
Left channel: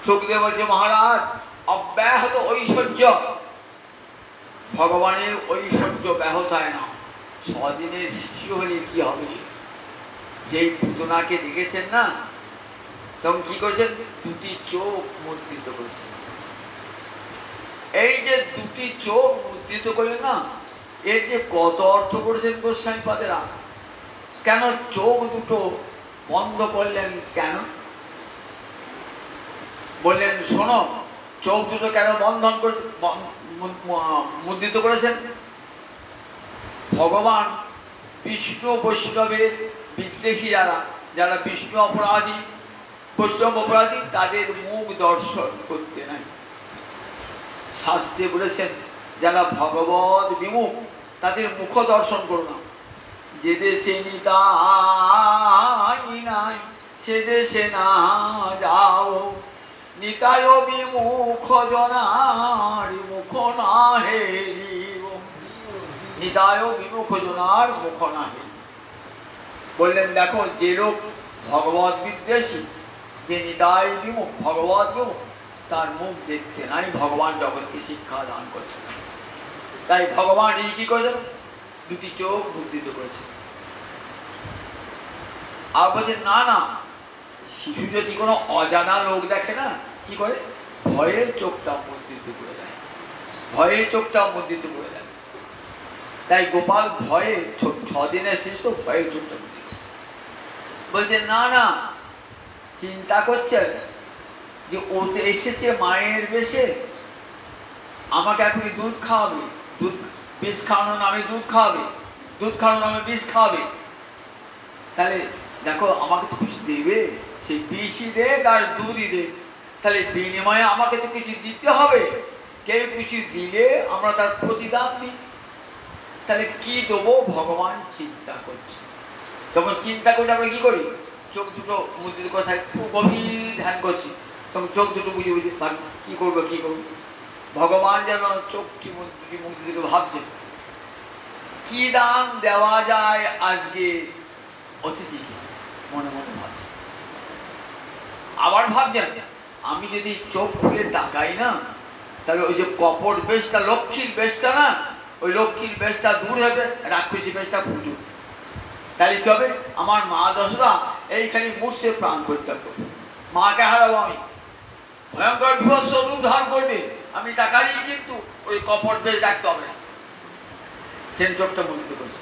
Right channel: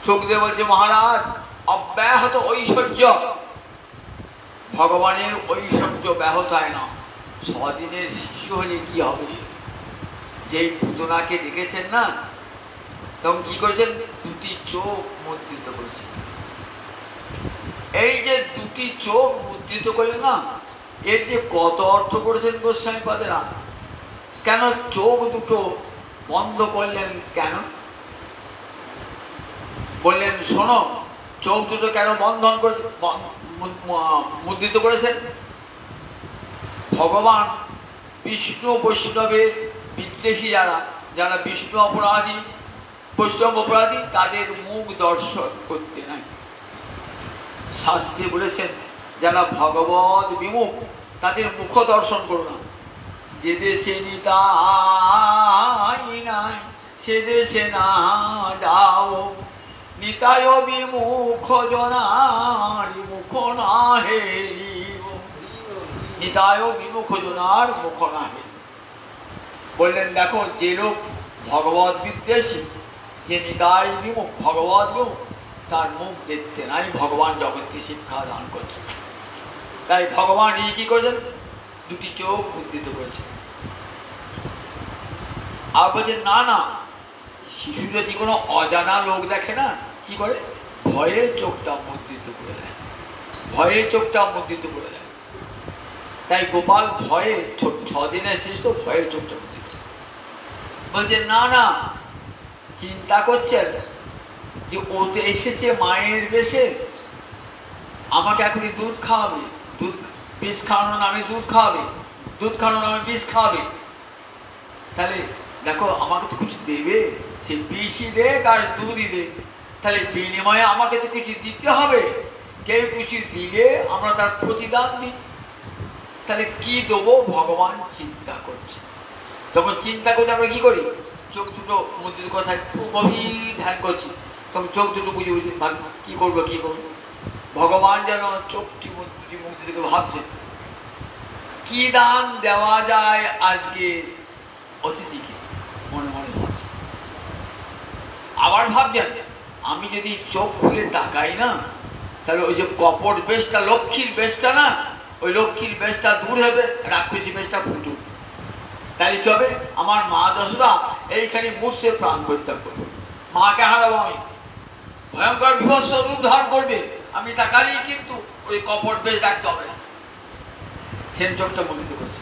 সুখদেব বলছে মহারাজ অব্যাহত ঐশ্বর্য, ভগবানের ঐশ্বর্য ব্যাহত হয় না। 6 দিনের শিশু হলে কি হবে? যেই পুতনাকে দেখেছেন না, তখন কি করেছেন? 2টি চোখ মুদ্রিত করেছেন। এই যে 2টি চোখ মুদ্রিত করলেন না, এর যে কত অর্থ করেছেন গোস্বামী পাদেরা। কেন চোখ দুটো বন্ধ করলেন? কেন বললেন শোনো, চোখ দুটো কেন বন্ধন করে মুদ্রিত করেছেন? ভগবান বিষ্ণু বৈষ্ণবের বিদ্বেষী যারা, যারা বিষ্ণু অপরাধী, বৈষ্ণব অপরাধী, তাদের মুখ দর্শন করতে নাই। শাস্ত্রে বলেছেন যারা ভগবত বিমুখ তাদের মুখ দর্শন করো না। যে দেশে নিতাই নাই সে দেশে না যাও, নিতায় বিমুখ জনার মুখ না হেরিব, নিতায় বিমুখ জনার মুখ না হেরিব। বললেন দেখো, যে লোক ভগবত বিদ্বেষী, যে নিতাই বিমুখ, ভগবত বিমুখ, তার মুখ দেখতে নাই ভগবান জগৎকে শিক্ষা দান করছেন। তাই ভগবান এই কি করেছেন? দুটি চোখ মুদ্রিত করেছেন। আর বলছেন না না, শিশু যদি কোনো অজানা লোক দেখে না, কি করে? ভয়ের চোখটা মুদ্রিত করে দেয়, ভয়ের চোখটা মুদ্রিত করে দেয়। তাই গোপাল ভয়ে 6 দিনের শেষ তো ভয়ের চোখটা মুদ্রিত বলছে না না, চিন্তা করছেন যে ও তো এসেছে মায়ের বেশে, আমাকে এখনই দুধ খাওয়াবে, দুধ বিষ খাওয়ানোর নামে দুধ খাওয়াবে, দুধ খাওয়ানোর নামে বিষ খাওয়াবে। তাহলে দেখো আমাকে তো কিছু দেবে, সেই বিষই দেখ আর দুধই দেখ, তাহলে বিনিময়ে আমাকে তো কিছু দিতে হবে। কেউ কিছু দিলে আমরা তার প্রতিদান দিই, তাহলে কি দেবো ভগবান চিন্তা করছে। তখন চিন্তা করলে আমরা কি করি? চোখ দুটো মুদ্রিত কথায় খুব গভীর ধ্যান করছি, তখন চোখ দুটো বুঝে বুঝে ভাবি কি করবো কি করবো। ভগবান যেন চোখটি মুদ্রিত করে ভাবছেন কি দান দেওয়া যায় আজকে অতিথিকে, মনে মনে ভাবছে। আবার ভাবছেন আমি যদি চোখ খুলে তাকাই না, তাহলে ওই যে কপট বেশটা, লক্ষ্মীর বেশটা না, ওই লক্ষ্মীর বেশটা দূর হবে, রাক্ষসী বেশটা ফুটুক। তাহলে কি হবে? আমার মা দশরা এইখানে মূর্ছে প্রাণ পরিত্যাগ করবে, মাকে হারাবো আমি, ভয়ঙ্কর বিভৎস রূপ ধারণ করবে। আমি তাকালেই কিন্তু ওই কপট বেশ রাখতে হবে না। সেন চোখটা মুদ্রিত করছে।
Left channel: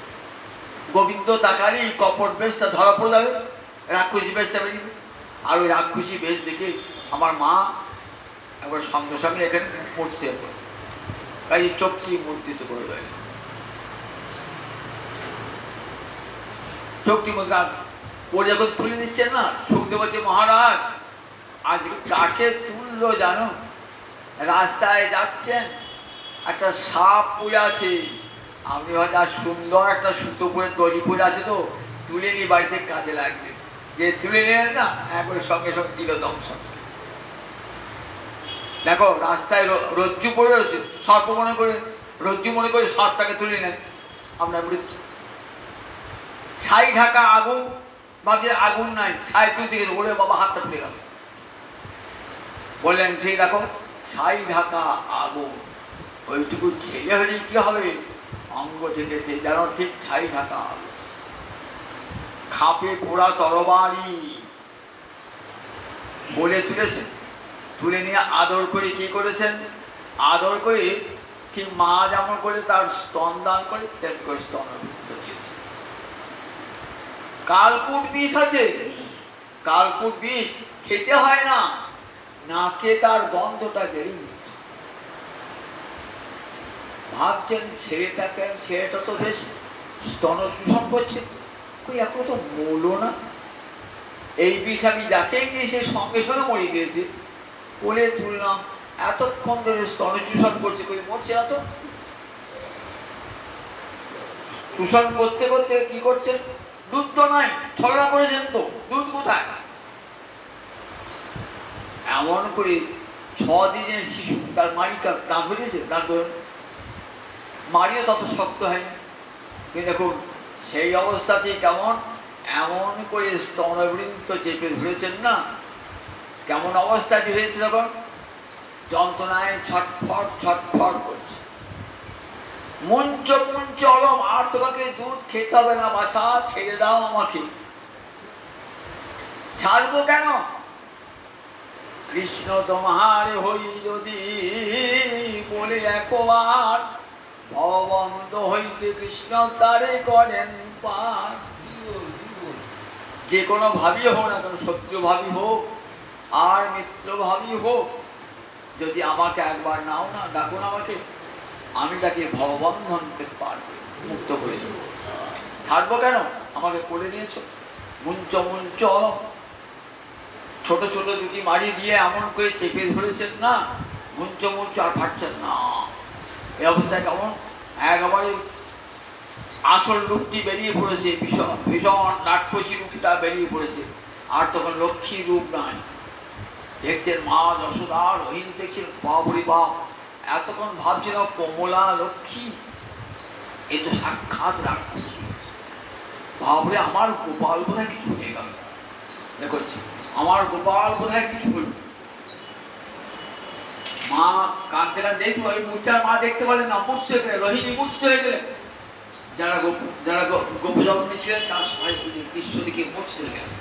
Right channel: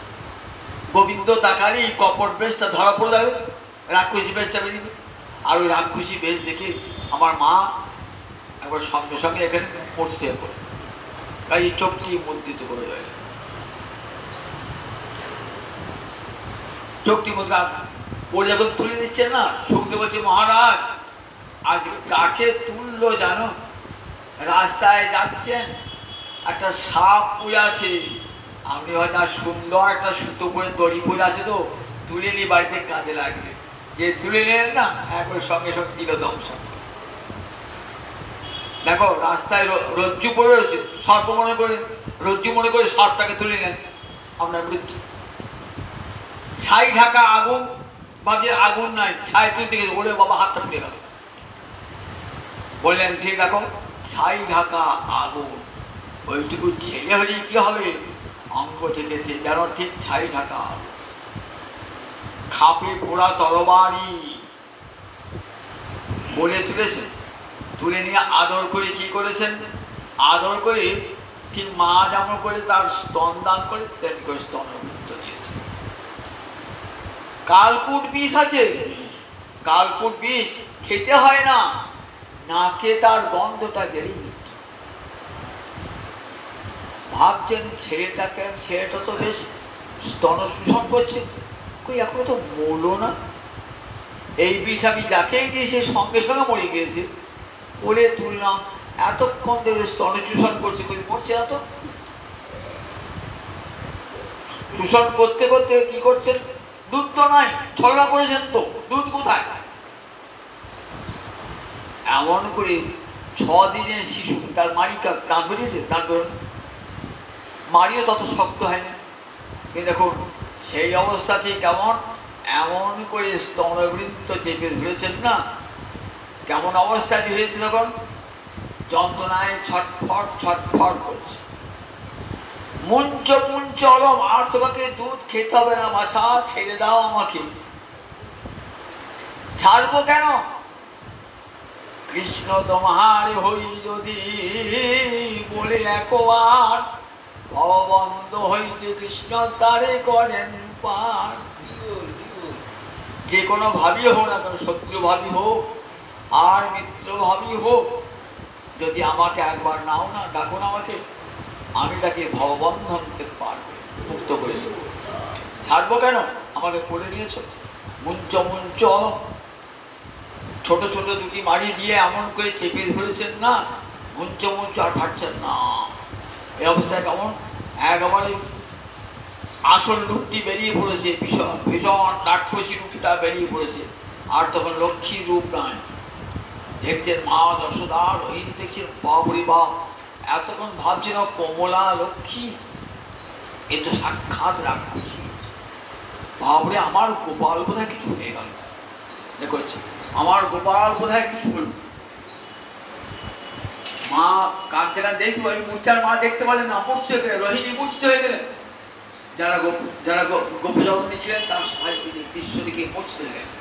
গোবিন্দ তাকালেই কপট বেশটা ধরা পড়ে যাবে, রাক্ষসী বেশটা বেরিয়ে। আর ওই রাক্ষসী বেশ দেখে আমার মা একবার সঙ্গে সঙ্গে এখানে মরতে হবে, তাই চোখটি মুদ্রিত করে দেয়। চোখটি মুদ্রিত ও যখন তুলে দিচ্ছেন না, শুনতে বলছে মহারাজ আজ কাকে তুললো জানো? রাস্তায় যাচ্ছেন, একটা সাপ পড়ে আছে, আপনি হয়তো সুন্দর একটা সুতো করে দড়ি পড়ে আছে, তো তুলে নিয়ে বাড়িতে কাজে লাগবে। যে তুলে নিলেন না, একবার সঙ্গে সঙ্গে দিল দংশন। দেখো রাস্তায় রজ্জু পড়ে রয়েছে, সর্প মনে করে, রজ্জু মনে করে সাপটাকে তুলে নেন, আপনার মৃত্যু। ছাই ঢাকা আগুন, ভাবছে আগুন নাই, ছাই তুলতে গেছে, বলে বাবা হাতটা খুলে গেল। বললেন ঠিক দেখো, ছাই ঢাকা আগুন, ওইটুকু ছেলে হলেই কি হবে? অঙ্গ থেকে যেন ঠিক ছাই ঢাকা আগুন। খাপে পোড়া তরবারি বলে তুলেছেন, তুলে নিয়ে আদর করে কি করেছেন? আদর করে ঠিক মা যেমন করে তার স্তন দান করে তেমনি করে স্তনের মৃত্যু দিয়েছে। কালকুট বিষ আছে, কালকুট বিষ খেতে হয় না, নাকে তার গন্ধটা গেলেই মৃত্যু। ভাবছেন ছেলেটাকে, ছেলেটা তো বেশ স্তন শোষণ করছে, কই এখনো তো মরলো না। এই বিষ আমি যাকেই দিয়ে সে সঙ্গে সঙ্গে মরে গিয়েছে, কোলে তুললাম, এতক্ষণ ধরে স্তন শোষণ করছে, কই মরছে না তো। শোষণ করতে করতে কি করছেন? দুধ তো নাই, ছলনা করেছেন তো, দুধ কোথায়? এমন করে 6 দিনের শিশু, তার মারিকা দাঁত বেরিয়েছে, দাঁত মারিও তত শক্ত হয়নি। কিন্তু দেখুন সেই অবস্থাতে কেমন এমন করে স্তনবৃন্ত চেপে ধরেছেন না, কেমন অবস্থাটি হয়েছে, তখন যন্ত্রণায় ছটফট ছটফট করছে। মুঞ্চ মুঞ্চ অলম, আর তোমাকে দুধ খেতে হবে না বাছা, ছেড়ে দাও আমাকে। ছাড়বো কেন? কৃষ্ণ তোমার হই যদি বলে একবার, ভববন্ধ হইতে কৃষ্ণ তারে করেন পার। যে কোনো ভাবি হোক না কেন, শত্রু ভাবি হোক, আর মিত্রভাবী হোক, যদি আমাকে একবার নাও না, ডাকুন আমাকে, আমি তাকে ভববন্ধন থেকে পারবে মুক্ত করে দেব। ছাড়বো কেন? আমাকে করে দিয়েছ। মুঞ্চ মুঞ্চ ছোট ছোট দুটি মারি দিয়ে এমন করে চেপে ধরেছেন না, মুঞ্চ মুঞ্চ আর ফাটছেন না। এই অবস্থায় কেমন একেবারে আসল রূপটি বেরিয়ে পড়েছে, ভীষণ ভীষণ রাক্ষসী রূপটা বেরিয়ে পড়েছে। আর তখন লক্ষ্মী রূপ নাই। দেখছেন মা যশোদা, রোহিণী দেখছেন, বাপরে বাপ, এতক্ষণ ভাবছিল কমলা লক্ষ্মী, এ তো সাক্ষাৎ রাক্ষসী। বাপরে, আমার গোপাল কোথায় কিছু হয়ে গেল, দেখছে আমার গোপাল কোথায় কিছু হল। মা কাঁদতে কাঁদতে দেখবো, ওই মূর্ছার মা দেখতে পারলেন না, মূর্ছ রোহিণী মূর্ছিত হয়ে গেলেন। যারা গোপজননী ছিলেন তার সাহায্য বিশ্ব দিকে মূর্ছিত হয়ে গেলেন।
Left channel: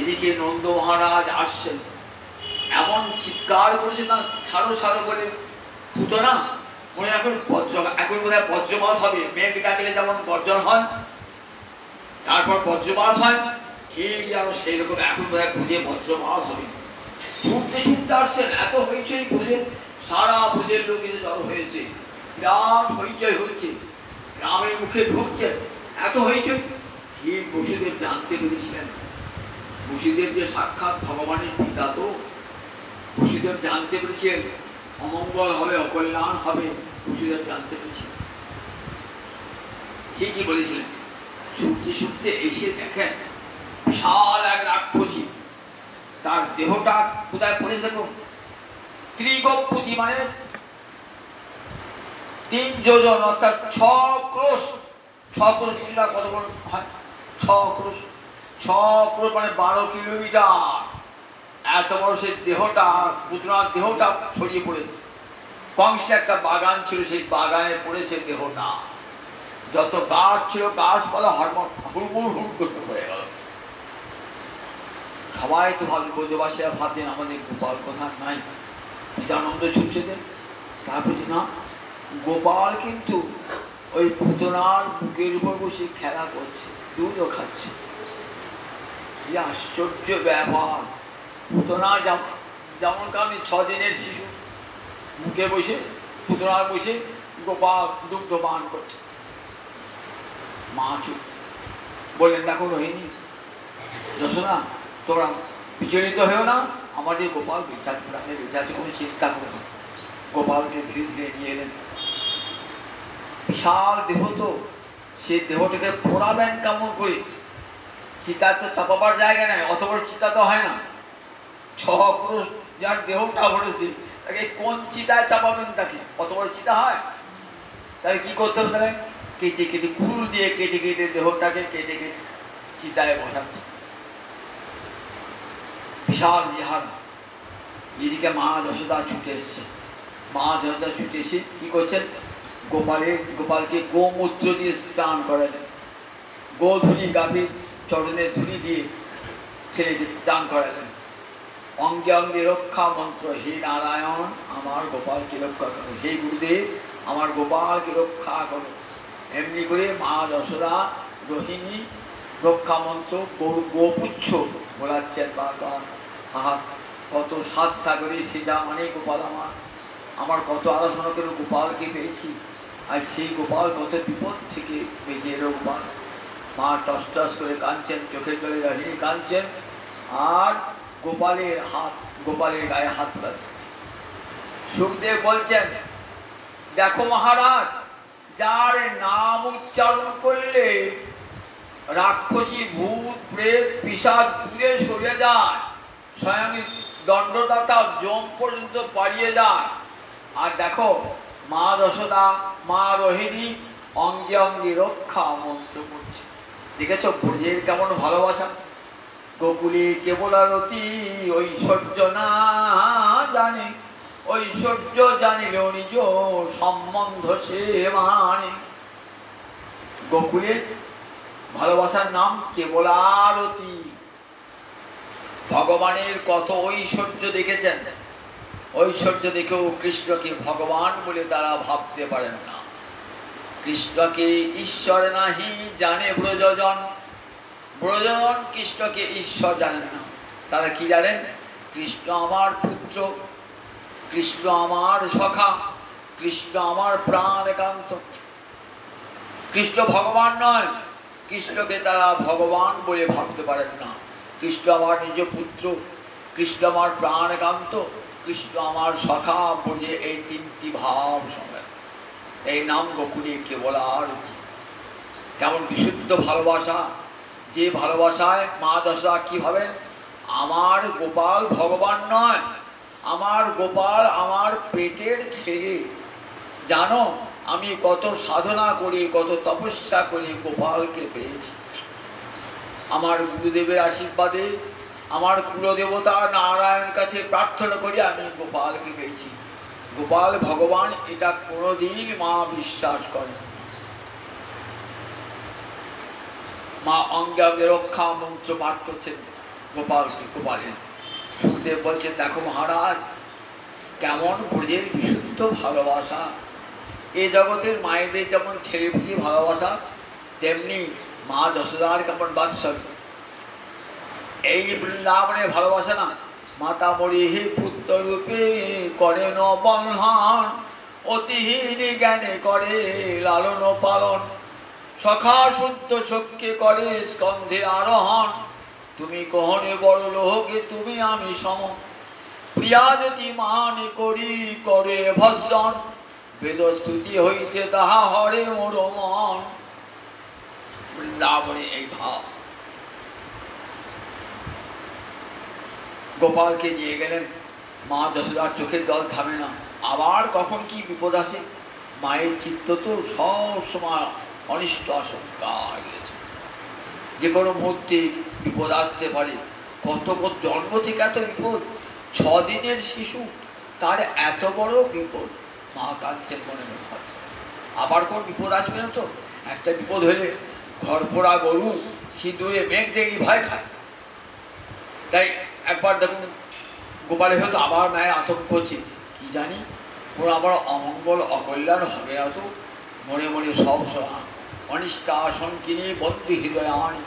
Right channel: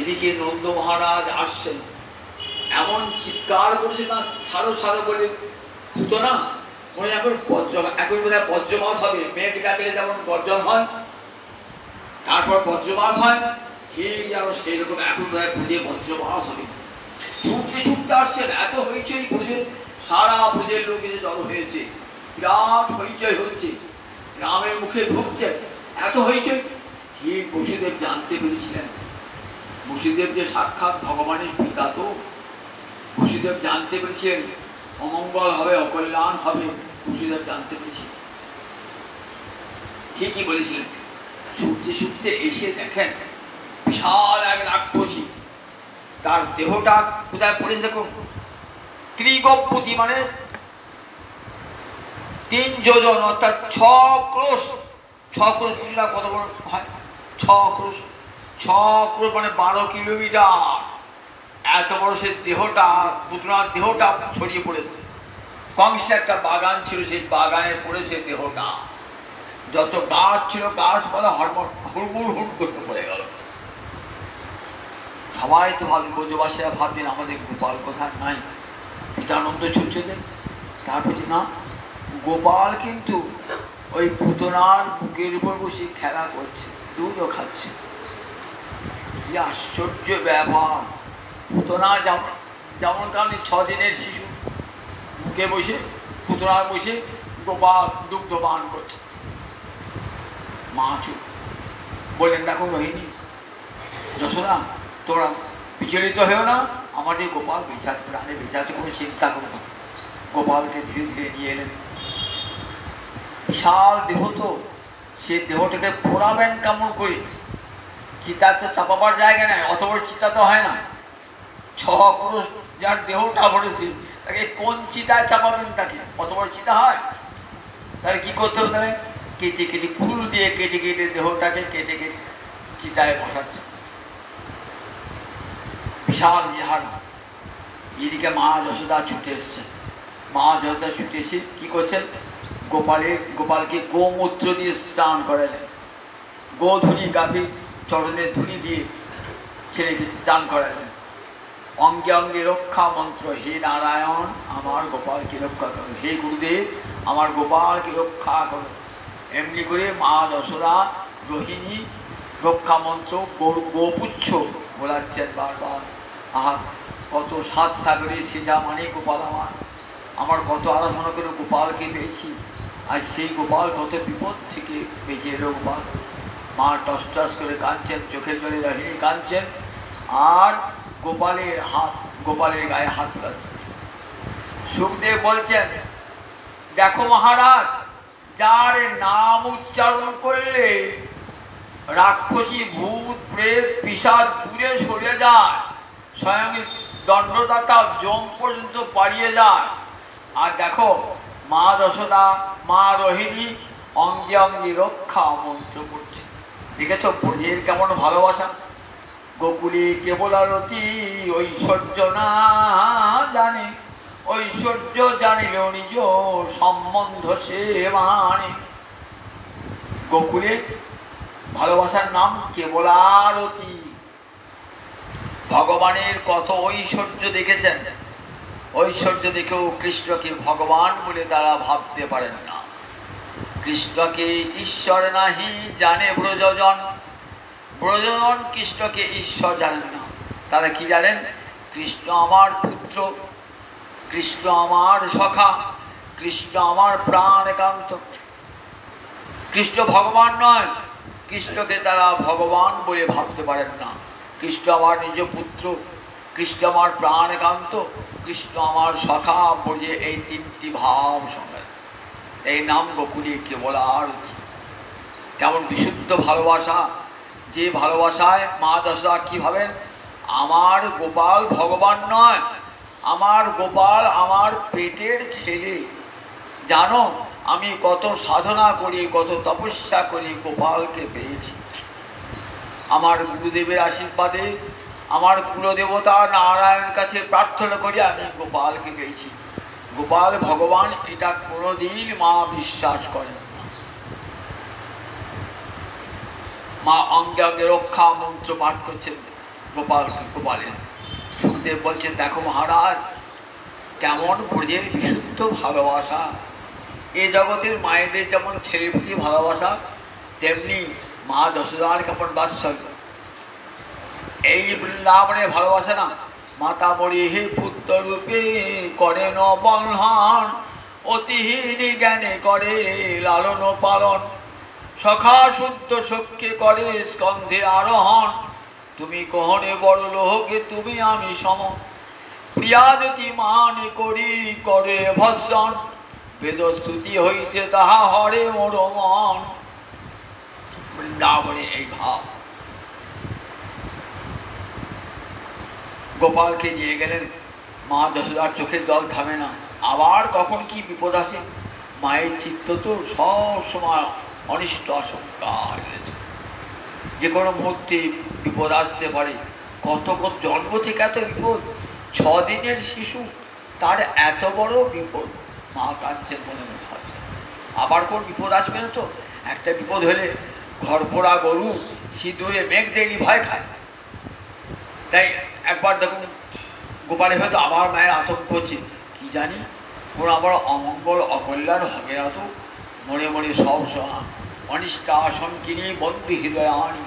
এদিকে নন্দ মহারাজ আসছেন, এমন চিৎকার করেছে না, ছাড়ো ছাড়ো বলে ফুটো না, মনে এখন এখন বোধ হয় বজ্রপাত হবে। মেঘ ডাকলে যেমন বজ্র হয়, তারপর বজ্রপাত হয়, ঠিক যেন সেই রকম এখন বোধ হয় বুঝে বজ্রপাত হবে। ছুটতে ছুটতে আসছেন, এত হইচই করেছেন, সারা ব্রজের লোক এসে জড়ো হয়েছে, বিরাট হইচই হচ্ছে, গ্রামের মুখে ঢুকছেন, এত হইচই। ঠিক বসুদেব জানতে পেরেছিলেন, বসুদেব যে সাক্ষাৎ ভগবানের পিতা, তো বসুদেব জানতে পেরেছেন অমঙ্গল হবে, অকল্যাণ হবে, বসুদেব জানতে পেরেছিলেন। ঠিকই বলেছিলেন। ছুটতে ছুটতে এসে দেখেন বিশাল এক রাক্ষসী, তার দেহটা কোথায় পড়েছে দেখুন, ত্রিগপতি মানে 3 যোজন, অর্থাৎ 6 ক্রোশ। 6 ক্রোশ কত বড় হয়? 6 ক্রোশ, 6 ক্রোশ মানে 12 কিলোমিটার। এত বড় সে দেহটা, পুতনার দেহটা ছড়িয়ে পড়েছে। কংসের একটা বাগান ছিল, সেই বাগানে পড়েছে দেহটা। যত গাছ ছিল গাছপালা হুড়মুড় হুড় পড়ে গেল। সবাই তো ভাবলেন, ব্রজবাসীরা ভাবলেন আমাদের গোপাল কোথায় নাই, পিতানন্দ ছুটছে দেয়। তারপর না, গোপাল কিন্তু ওই পুতনার বুকের উপর বসে খেলা করছে, দুধও খাচ্ছে। কি আশ্চর্য ব্যাপার! পুতনা যেমন কারণে 6 দিনের শিশু বুকে বসে, পুতনার বসে গোপাল দুগ্ধ পান করছে। মা চুপ বললেন, দেখো রোহিণী, যশোদা, তোমরা বিচলিত হয়েও না, আমাদের গোপাল বেঁচে প্রাণে বেঁচে আছে, কোনো চিন্তা করো না। গোপালকে ধীরে ধীরে নিয়ে এলেন। বিশাল দেহ, তো সে দেহটাকে পোড়াবেন কেমন করে? চিতা তো চাপাবার জায়গা নেই, অত বড় চিতা তো হয় না। 6 ক্রোশ যার দেহটা ভরেছে, তাকে কোন চিতায় চাপাবেন? তাকে অত বড় চিতা হয়? তাহলে কি করতে হবে? তাহলে কেটে কেটে, ফুল দিয়ে কেটে কেটে দেহটাকে কেটে কেটে চিতায় বসাচ্ছে। বিশাল জিহার। এদিকে মা যশোদা ছুটে এসছে। মা যশোদা ছুটে এসে কি করছেন? গোপালকে গোমূত্র দিয়ে স্নান করালেন। গোধূলি, গাভী চরণের ধুলি দিয়ে ছেলেকে স্নান করালেন। অঙ্গে অঙ্গে রক্ষা মন্ত্র, হে নারায়ণ আমার গোপালকে রক্ষা করো, হে গুরুদেব আমার গোপালকে রক্ষা করো। এমনি করে মা যশোদা রোহিণী রক্ষা মন্ত্র গোপুচ্ছ বলাচ্ছেন বারবার। আহা, কত সাত সাগরে সেজা মানে গোপাল আমার কত আরাধনা করে গোপালকে পেয়েছি, আর সেই গোপাল কত বিপদ থেকে বেঁচে এলো গোপাল। মা টস টস করে কাঁদছেন, চোখের জলে রোহিণী কাঁদছেন, আর গোপালের গায়ে হাত তোলাচ্ছে। সুখদেব বলছেন, দেখো মহারাজ, যার নাম উচ্চারণ করলে রাক্ষসী, ভূত, প্রেত, পিশাচ দূরে সরে যায়, স্বয়ং দণ্ডদাতা যম পর্যন্ত পালিয়ে যায়। আর দেখো মা যশোদা, মা রোহিণী অঙ্গে অঙ্গে রক্ষা মন্ত্র করছে। দেখেছ ব্রজের কেমন ভালোবাসা? গোকুলে কেবল আরতি ঐশ্বর্য না জানে, ঐশ্বর্য জানিলেও নিজ সম্বন্ধ সে মানে। গোকুলে ভালোবাসার নাম কেবল আরতি। ভগবানের কত ঐশ্বর্য দেখেছেন, ঐশ্বর্য দেখেও কৃষ্ণকে ভগবান বলে তারা ভাবতে পারেন না। কৃষ্ণকে ঈশ্বর নাহি জানে ব্রজজন, ব্রজজন কৃষ্ণকে ঈশ্বর জানেন না। তারা কি জানেন? কৃষ্ণ আমার পুত্র, কৃষ্ণ আমার সখা, কৃষ্ণ আমার প্রাণ একান্ত। কৃষ্ণ ভগবান নয়, কৃষ্ণকে তারা ভগবান বলে ভাবতে পারেন না। কৃষ্ণ আমার নিজ পুত্র, কৃষ্ণ আমার প্রাণ একান্ত, কৃষ্ণ আমার সখা বলে এই তিনটি ভাব সঙ্গে এই নাম গোকুলে কেবল আর কি। কেমন বিশুদ্ধ ভালোবাসা! যে ভালোবাসায় মা যশোদা কি ভাবেন? আমার গোপাল ভগবান নয়, আমার গোপাল আমার পেটের ছেলে। জানো আমি কত সাধনা করি, কত তপস্যা করি গোপালকে পেয়েছি। আমার গুরুদেবের আশীর্বাদে, আমার কুলদেবতা নারায়ণের কাছে প্রার্থনা করি আমি গোপালকে পেয়েছি। গোপাল ভগবান এটা কোনোদিন মা বিশ্বাস করেন না। মা অঙ্গে অঙ্গে রক্ষা মন্ত্র পাঠ করছেন গোপালের। সুখদেব বলছেন, দেখো মহারাজ কেমন ব্রজের বিশুদ্ধ ভালোবাসা। এ জগতের মায়েদের যেমন ছেলের প্রতি ভালোবাসা, তেমনি মা যশোদার কেমন বাৎসল্য। এই বৃন্দাবনের ভালোবাসা না, মাতা মরি হে পুত্র রূপে করে ন বন্ধন, অতিহীন জ্ঞানে করে লালন পালন, সখা শুদ্ধ সখ্যে করে স্কন্ধে আরোহণ। তুমি কহনে বড় লোহকে তুমি আমি সম, প্রিয়াদতি মানে করি করে ভজন, বেদস্তুতি হইতে তাহা হরে মোর মন। বৃন্দাবনে এই ভাব। গোপালকে নিয়ে গেলেন, মা যশোদার চোখের জল থামে না। আবার কখন কি বিপদ আসে, মায়ের চিত্ত তো সব সময় অনিষ্ট আশঙ্কা রয়েছে। যে কোনো মুহূর্তে বিপদ আসতে পারে। কত কত জন্ম থেকে এত বিপদ, 6 দিনের শিশু, তার এত বড় বিপদ। মা কাঁদছেন মনে মনে ভাবছে আবার কোন বিপদ আসবে না তো। একটা বিপদ হলে ঘর পোড়া গরু সিঁদুরে মেঘ দেখি ভয় খায়। তাই একবার দেখুন গোপালে হয়তো আবার মায়ের আতঙ্ক হচ্ছে, কি জানি ওর আবার অমঙ্গল অকল্যাণ হবে না তো। মনে মনে সব সময় অনিষ্টা আশঙ্কিনী বন্ধু হৃদয় আনি।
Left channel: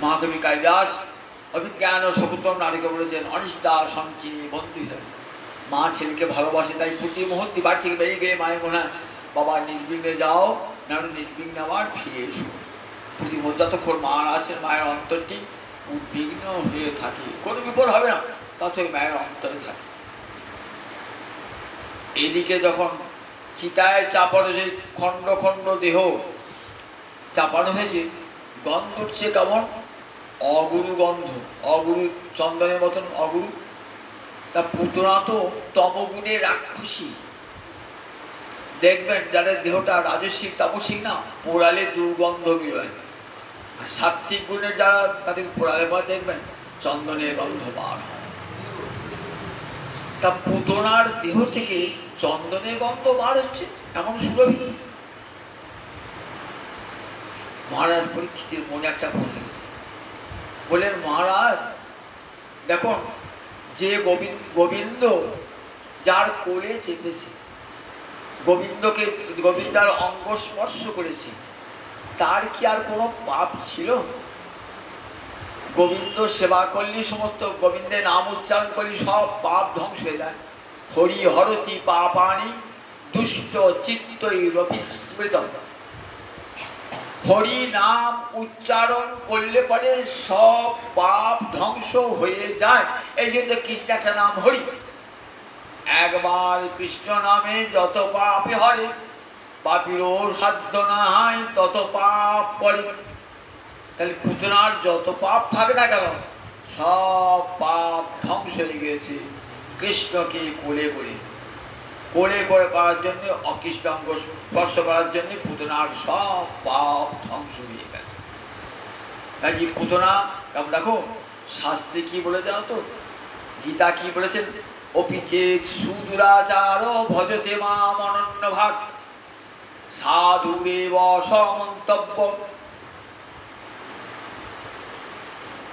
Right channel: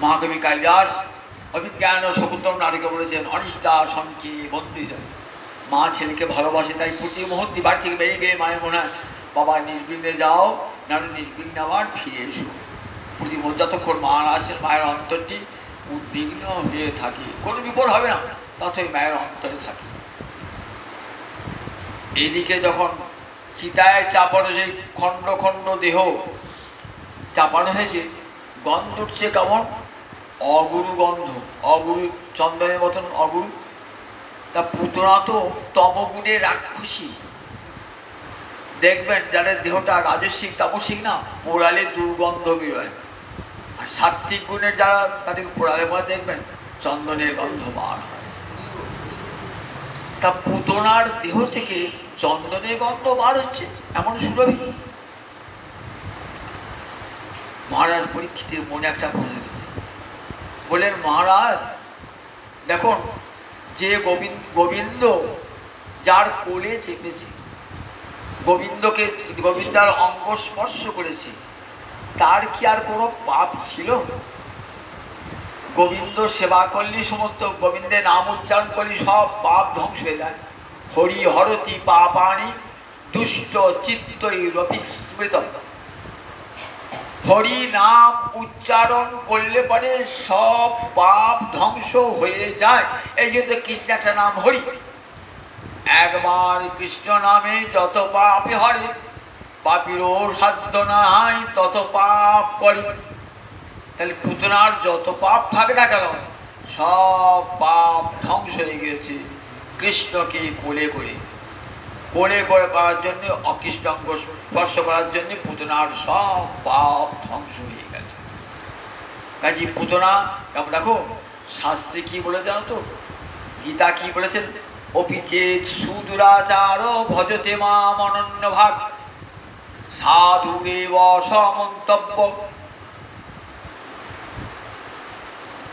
মহাকবি কালিদাস অভিজ্ঞান ও শকুন্তল নারীকে বলেছেন, অনিষ্টা আশঙ্কিনী বন্ধু হৃদয়। মা ছেলেকে ভালোবাসে, তাই প্রতি মুহূর্তে বাড়ি থেকে বেরিয়ে গেলে মায়ের মনে হয় বাবা নির্বিঘ্নে যাও, না নির্বিঘ্নে আবার ফিরে এসো। প্রতি যতক্ষণ মা আসেন মায়ের অন্তরটি উদ্বিগ্ন হয়ে থাকে। কোনো বিপদ হবে না, ততই মায়ের অন্তরে থাকে। এদিকে যখন চিতায় চাপানো সেই খণ্ড খণ্ড দেহ চাপানো হয়েছে, গন্ধ উঠছে কেমন অগুরু গন্ধ, অগুরু চন্দনের মতন অগুরু। তা পুতনা তো তমগুণে রাক্ষসী। দেখবেন যাদের দেহটা রাজস্বিক তামসিক না, পোড়ালে দুর্গন্ধ বেরোয়। আর সাত্বিক গুণের যারা, তাদের পোড়ালে পরে দেখবেন চন্দনের গন্ধ বার হয়। তা পুতনার দেহ থেকে চন্দনের গন্ধ বার হচ্ছে, এমন সুরভি। মহারাজ পরীক্ষিতের মনে একটা প্রশ্ন গেছে, বললেন মহারাজ দেখুন যে গোবিন্দ যার কোলে চেপেছে, গোবিন্দার অঙ্গ স্পর্শ করেছে, তার কি আর কোনো পাপ ছিল? গোবিন্দ সেবা করলে, সমস্ত গোবিন্দের নাম উচ্চারণ করলে সব পাপ ধ্বংস হয়ে যায়। হরি হরতি পাপানি দুষ্ট চিত্তই রবিস্মৃত। হরি নাম উচ্চারণ করলে পরে সব পাপ ধ্বংস হয়ে যায়। এই জন্য কৃষ্ণ একটা নাম হরি। একবার কৃষ্ণ নামে যত পাপে হরে, পাপিরও সাধ্য নাই তত পাপ করে। তাহলে পুতনার যত পাপ থাকে না কেন, সব পাপ ধ্বংস হয়ে গেছে কৃষ্ণকে কোলে করে। কোলে করে করার জন্য, অকৃষ্ণাঙ্গ স্পর্শ করার জন্য পুতনার সব পাপ ধ্বংস হয়ে গেছে। কাজে পুতনা দেখো শাস্ত্রে কি বলে জানো তো, গীতা কি বলেছেন, অপিচেত সুদুরাচার ভজতে মাম অনন্য ভাগ সাধুরেব সমন্তব্য।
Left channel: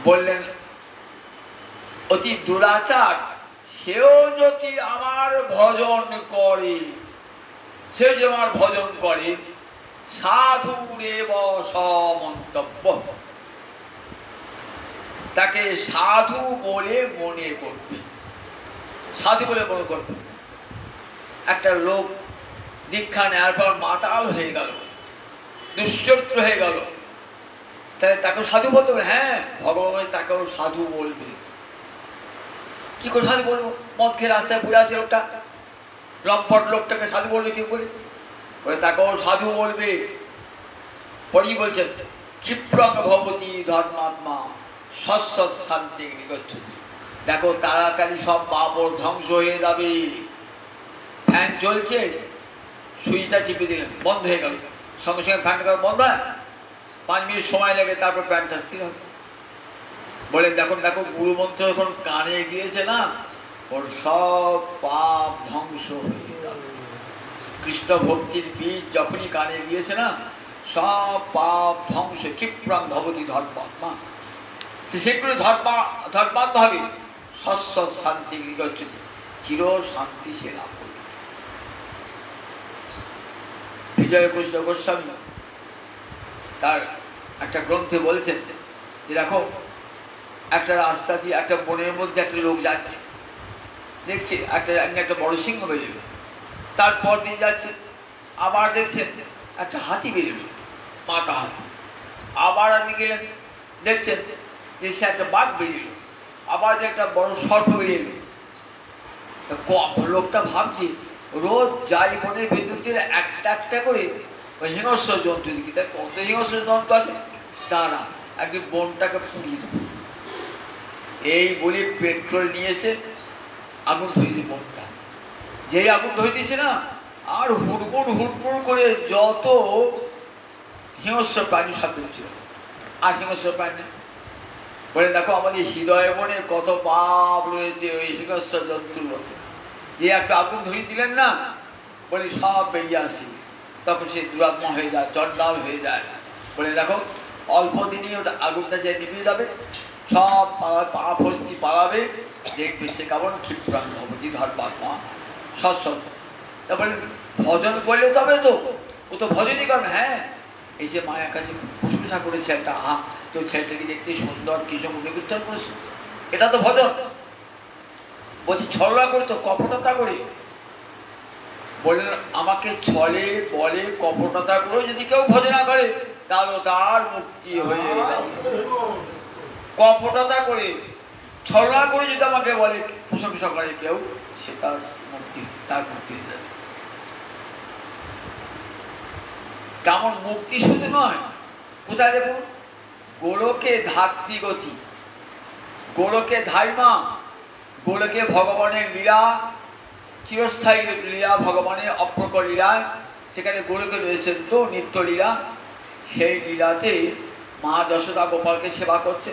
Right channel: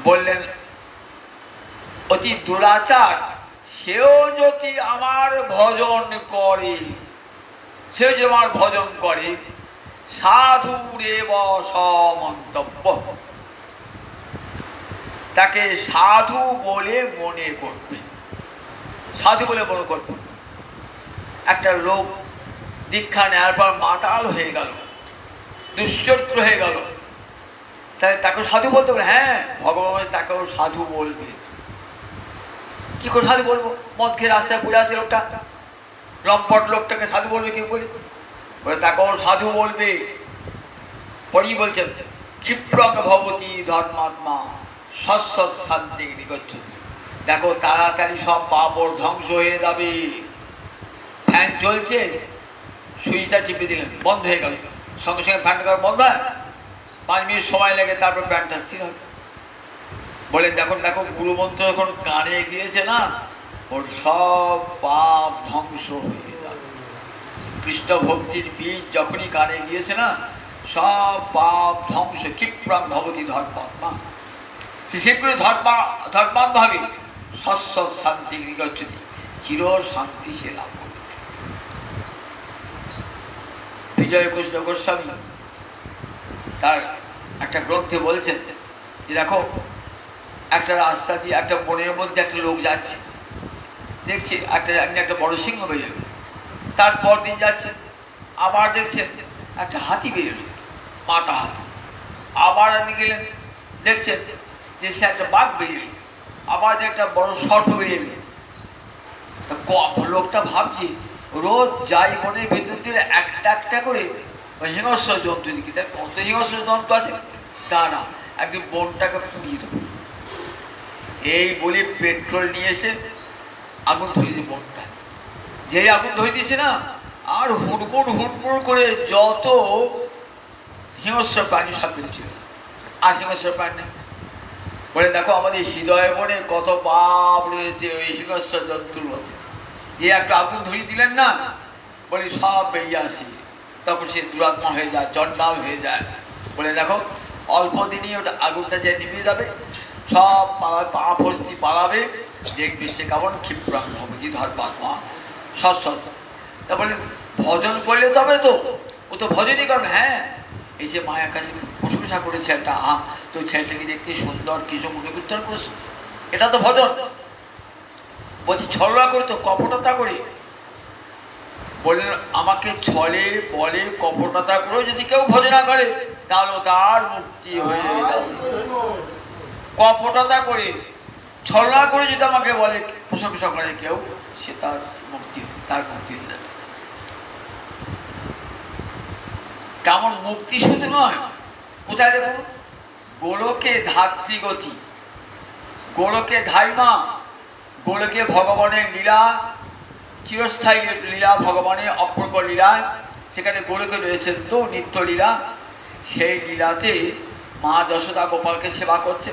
বললেন অতি দুরাচার সেও যদি আমার ভজন করে, সেও যদি আমার ভজন করে, সাধুরেব সমন্তব্য, তাকে সাধু বলে মনে করবে, সাধু বলে মনে করবে। একটা লোক দীক্ষা নেওয়ার পর মাতাল হয়ে গেল, দুশ্চরিত্র হয়ে গেল, তাহলে তাকেও সাধু বলতে হবে? হ্যাঁ, ভগবান তাকেও সাধু বলবে। কি করে সাধু বলবো? মদ খেয়ে রাস্তায় পড়ে আছে লোকটা, লম্পট লোকটাকে সাধু বলবে কি করে? তাকেও সাধু বলবে। পরেই বলছেন ক্ষিপ্রং ভবতি ধর্মাত্মা সৎসৎ শান্তি নিগচ্ছতি। দেখো তাড়াতাড়ি সব পাপ ওর ধ্বংস হয়ে যাবে। ফ্যান চলছে, সুইচটা টিপে দিলেন, বন্ধ হয়ে গেল, সঙ্গে সঙ্গে ফ্যানটা করা বন্ধ হয়? 5 মিনিট সময় লাগে, তারপর ফ্যানটা স্থির হবে। বলেন দেখুন, দেখো গুরুমন্ত্র যখন কানে গিয়েছে না, ওর সব পাপ ধ্বংস হয়ে যাবে। কৃষ্ণ ভক্তির বীজ যখনই কানে গিয়েছে না, সব পাপ ধ্বংস। ক্ষিপ্রং ভবতি ধর্মাত্মা, সে শীঘ্র ধর্মাত্ম হবে। সৎসৎ শান্তি নিগচ্ছতি, চির শান্তি সে লাভ করবে। বিজয় কৃষ্ণ গোস্বামী তার একটা গ্রন্থে বলছেন যে দেখো, একটা রাস্তা দিয়ে একটা বনের মধ্যে একটা লোক যাচ্ছে, দেখছে একটা বড় সিংহ বেরোল। তারপর দিন যাচ্ছে, আবার দেখছেন একটা হাতি বেরোল, মাথা হাতি। আবার আপনি গেলেন, দেখছেন যে সে একটা বাঘ বেরিয়ে, আবার যে একটা বড় সর্প বেরিয়ে। তা লোকটা ভাবছে রোজ যাই বনের ভেতর দিয়ে একটা একটা করে হিংস্র জন্তু দেখি, তার কত হিংস্র জন্তু আছে, দাঁড়া একদিন বনটাকে পুড়িয়ে দেবো। এই বলে পেট্রোল নিয়ে এসে আগুন ধরিয়ে দিয়ে বনটা, যেই আগুন ধরে দিয়েছে না, আর হুড়মুড় হুড়মুড় করে যত হিংস্র প্রাণী সব ছিল, আর হিংস্র প্রাণী। বলে দেখো আমাদের হৃদয় বনে কত পাপ রয়েছে ওই হিংস্র জন্তুর মধ্যে। যে একটা আগুন ধরিয়ে দিলেন না, বলে সব বেরিয়ে আসে, তখন সে দুরাত্মা হয়ে যায়, চন্ডাল হয়ে যায়। বলে দেখো অল্প দিনই ওটা আগুনটা যে নিভে যাবে, সব পাপ হস্তি পালাবে, দেখবে সে কেমন ক্ষিপ্রাং ভবতি ধর্মাত্মা সৎসৎ। তারপরে ভজন করলে তবে তো, ও তো ভজনই করবে। হ্যাঁ, এই যে মায়ের কাছে প্রশংসা করেছে একটা, তো ছেলেটাকে দেখতে সুন্দর, কৃষ্ণ মুখে কীর্তন করেছে, এটা তো ভজন। বলছি ছলনা করে, তো কপটতা করে। বললেন আমাকে ছলে বলে কপটতা করে যদি কেউ ভজনা করে, তাহলে তার মুক্তি হয়ে যাবে। কপটতা করে, ছলনা করে যদি আমাকে বলে, প্রশংসা করে কেউ, সে তার মুক্তি হয়ে যাবে। তেমন মুক্তি শুধু নয়, কোথায় দেখুন, গোলকে ধাত্রীগতি, গোলকে ধাইমা, গোলকে ভগবানের লীলা, চিরস্থায়ী লীলা, ভগবানের অপ্রকট লীলা, সেখানে গোলকে রয়েছেন তো নিত্য লীলা। সেই লীলাতে মা যশোদা গোপালকে সেবা করছে,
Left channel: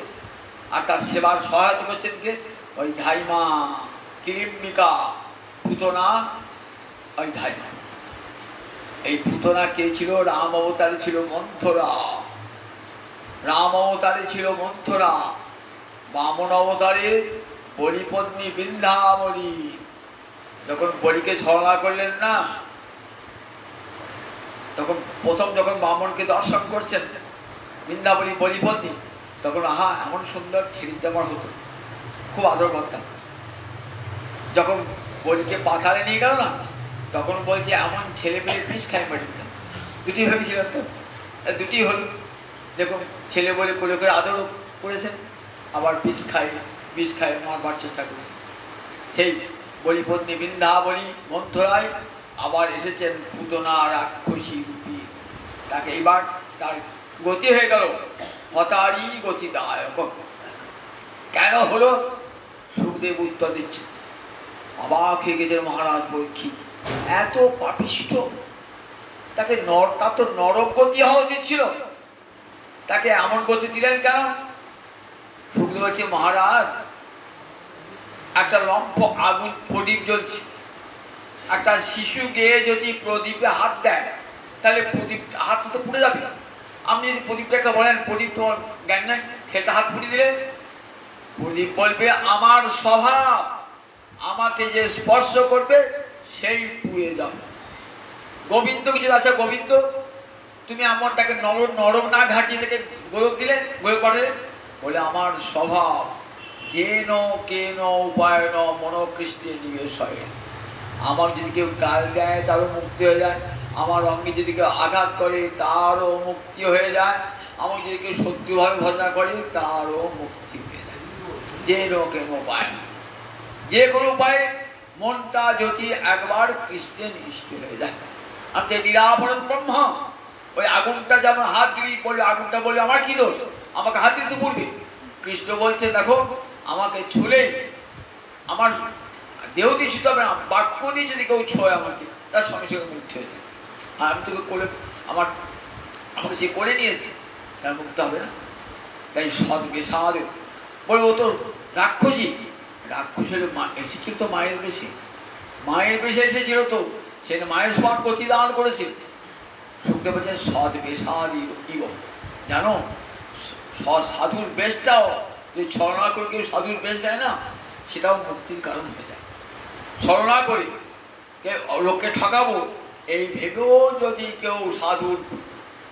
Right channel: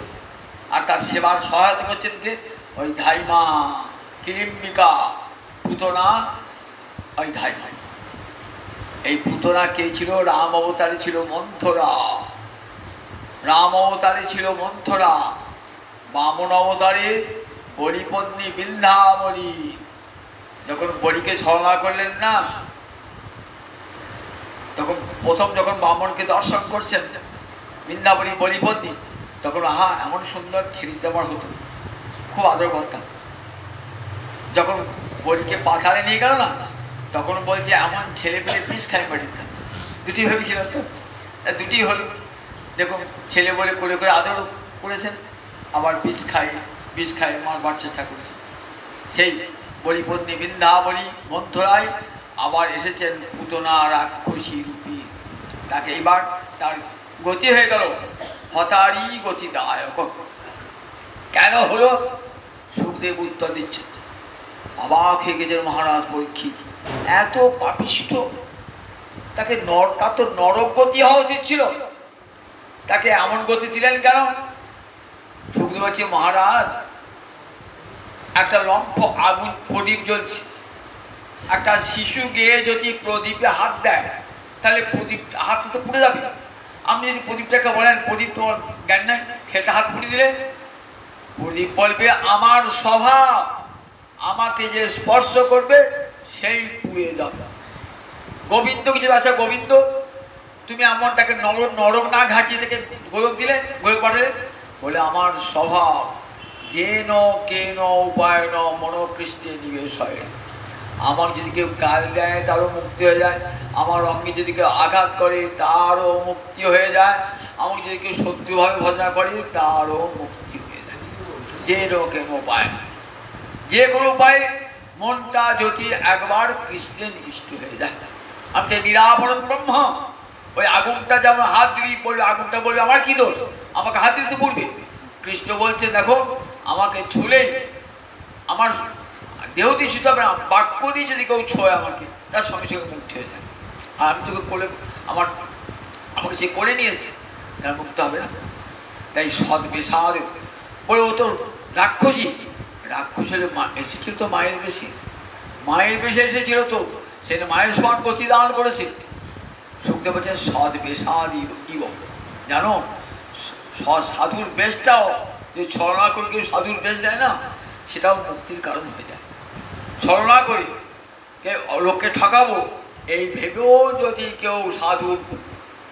আর তার সেবার সহায়তা করছেন কে? ওই ধাইমা, কিলিম্বিকা, পুতনা, ওই ধাইমা। এই পুতনা কে ছিল? রাম অবতারে ছিল মন্থরা, রাম অবতারে ছিল মন্থরা, বামন অবতারে বলিপত্নী বিন্ধ্যাবলী। যখন বলিকে ছলনা করলেন না, তখন প্রথম যখন বামনকে দর্শন করছেন বিন্ধ্যাবলী বলিপত্নী, তখন আহা এমন সুন্দর ছেলেটা আমার হতো, খুব আদর করতাম। যখন বলিকে পাথারে নিয়ে গেল না, তখন বলছে এমন ছেলে পেলে পিস খাই পাঠিতাম। দুটি ভেবেছিলেন তো, দুটি হলো। দেখুন ছেলে বলে করে করে আদরও করেছেন, আবার বিষ খায় মারবার চেষ্টা করেছেন। সেই বলিপত্নী বিন্ধ্যাবলী মন্থরায় আবার এসেছেন পুতনা রাক্ষসী রূপী। তাকে এইবার তার গতি হয়ে গেল হতারি গতিদায়ক। কেন হলো? সুখদেব উত্তর দিচ্ছে, অবাক হয়ে গেছেন মহারাজ পরীক্ষিত, এত পাপিষ্ঠ, তাকে তার তো নরক গতি হওয়া উচিত ছিল, তাকে এমন গতি দিলেন কেন? সুখদেব বলছে মহারাজ, একটা লম্ফ আগুন প্রদীপ জ্বলছে, একটা শিশু গিয়ে যদি প্রদীপে হাত দেয়, তাহলে প্রদীপ হাত তো পুড়ে যাবে। আপনি যদি প্রদীপটাকে বলেন প্রদীপ তোমার জ্ঞান নাই, সেটা হাত পুড়ে দিলে প্রদীপ বলবে আমার স্বভাব, আমাকে যে স্পর্শ করবে সেই পুড়ে যাবে। গোবিন্দ কিছু আছে, গোবিন্দ তুমি এমনটাকে নরম না ঘাটিয়ে থেকে গোলক দিলে, গোলক পাঠালে, বলে আমার স্বভাব যেন কেন উপায় ন মনোকৃষ্ণে নিবেশ হয়। আমার যদি কেউ গাল দেয় তারও মুক্তি হয়ে যায়, আমার অঙ্গে যদি কেউ আঘাত করে তারও মুক্তি হয়ে যায়, আমাকে যদি কেউ শত্রুভাবে ভজনা করে তারও মুক্তি হয়ে যায়। যেন কেন উপায়, যে কোনো উপায়ে মনটা যদি একবার কৃষ্ণের নিষ্ঠ হয়ে যায়। আমি নিরাবরণ ব্রহ্ম, ওই আগুনটা যেমন হাত দিলেই পড়বে, আগুনটা বলবে আমার কি দোষ, আমাকে হাত দিতে পড়বে। কৃষ্ণ বলছে দেখো আমাকে ছুলেই, আমার দেহ দিয়ে ছুতে হবে না, বাক্য দিয়ে যদি কেউ ছোঁয় আমাকে তার সঙ্গে সঙ্গে মুক্তি হয়ে যায়। আর আমি তোকে করে আমাকে সে করে নিয়েছে, তার মুক্ত হবে না। তাই সৎ বেসাদ বলে ও তো রাক্ষসী, রাক্ষস হলে এসেছিল তো মায়ের বেশি, মায়ের বেশি এসেছিল তো সে মায়ের সমান প্রতিদান করেছে। শুনতে পাচ্ছেন সৎ বেসাদ ইব, জানো সাধুর বেশটাও যে ছলনা করে কেউ সাধুর বেশ দেয় না, সেটাও মুক্তির কারণ হয়ে যায়। ছলনা করে লোককে ঠকাবো এই ভেবেও যদি কেউ সাধুর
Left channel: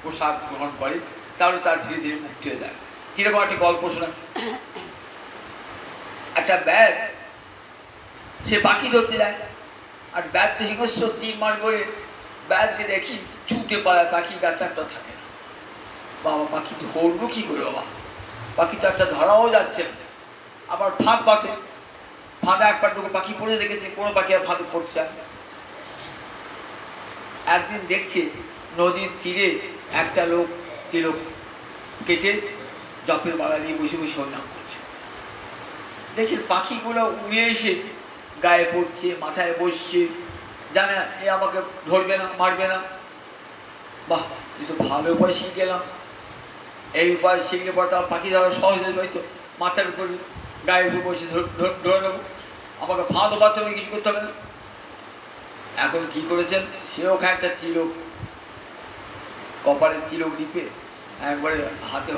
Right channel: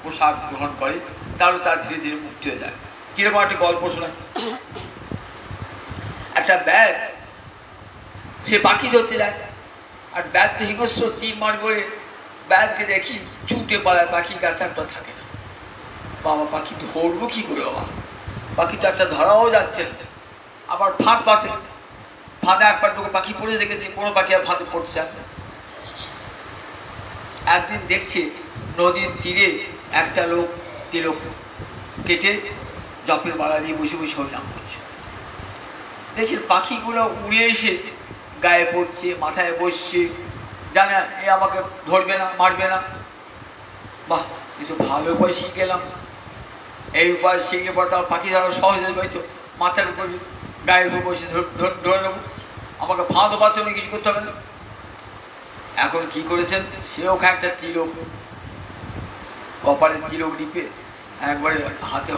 পোশাক গ্রহণ করে তাহলে তার ধীরে ধীরে মুক্তি হয়ে যায়। কিরকম একটা গল্প শোনায়, একটা ব্যাগ সে পাখি ধরতে যায়, আর ব্যাগ তো হিংস্র তীর মার করে ব্যাগকে দেখি ছুটে পালায়, পাখি গাছে একটা থাকে না। বাবা পাখি ধরবো কি করে, বাবা পাখি তো একটা ধরাও যাচ্ছে, আবার ফাঁক পাতে, ফাঁদে একবার ঢুকে পাখি পড়ে দেখেছে, কোনো পাখি আর ফাঁদে পড়ছে না। একদিন দেখছে নদীর তীরে একটা লোক তিলক কেটে জপের মালা দিয়ে বসে বসে হরিনাম করছে। দেখছে পাখিগুলো উড়ে এসে গায়ে পড়ছে, মাথায় বসছে, জানে এ আমাকে ধরবে না, মারবে না। বাহ, এ তো ভালো উপায় শিখে গেলাম। এই উপায় শিখলে পর তার পাখি ধরা সহজ হয়ে যাবে, তো মাথার উপর গায়ের উপর বসে ধরে নেবো, আমাকে ফাঁদও পাতে হবে, কিছু করতে হবে না। এখন কি করেছেন, সেও একটা তিলক, কপালে তিলক লিপে একবারে হাতে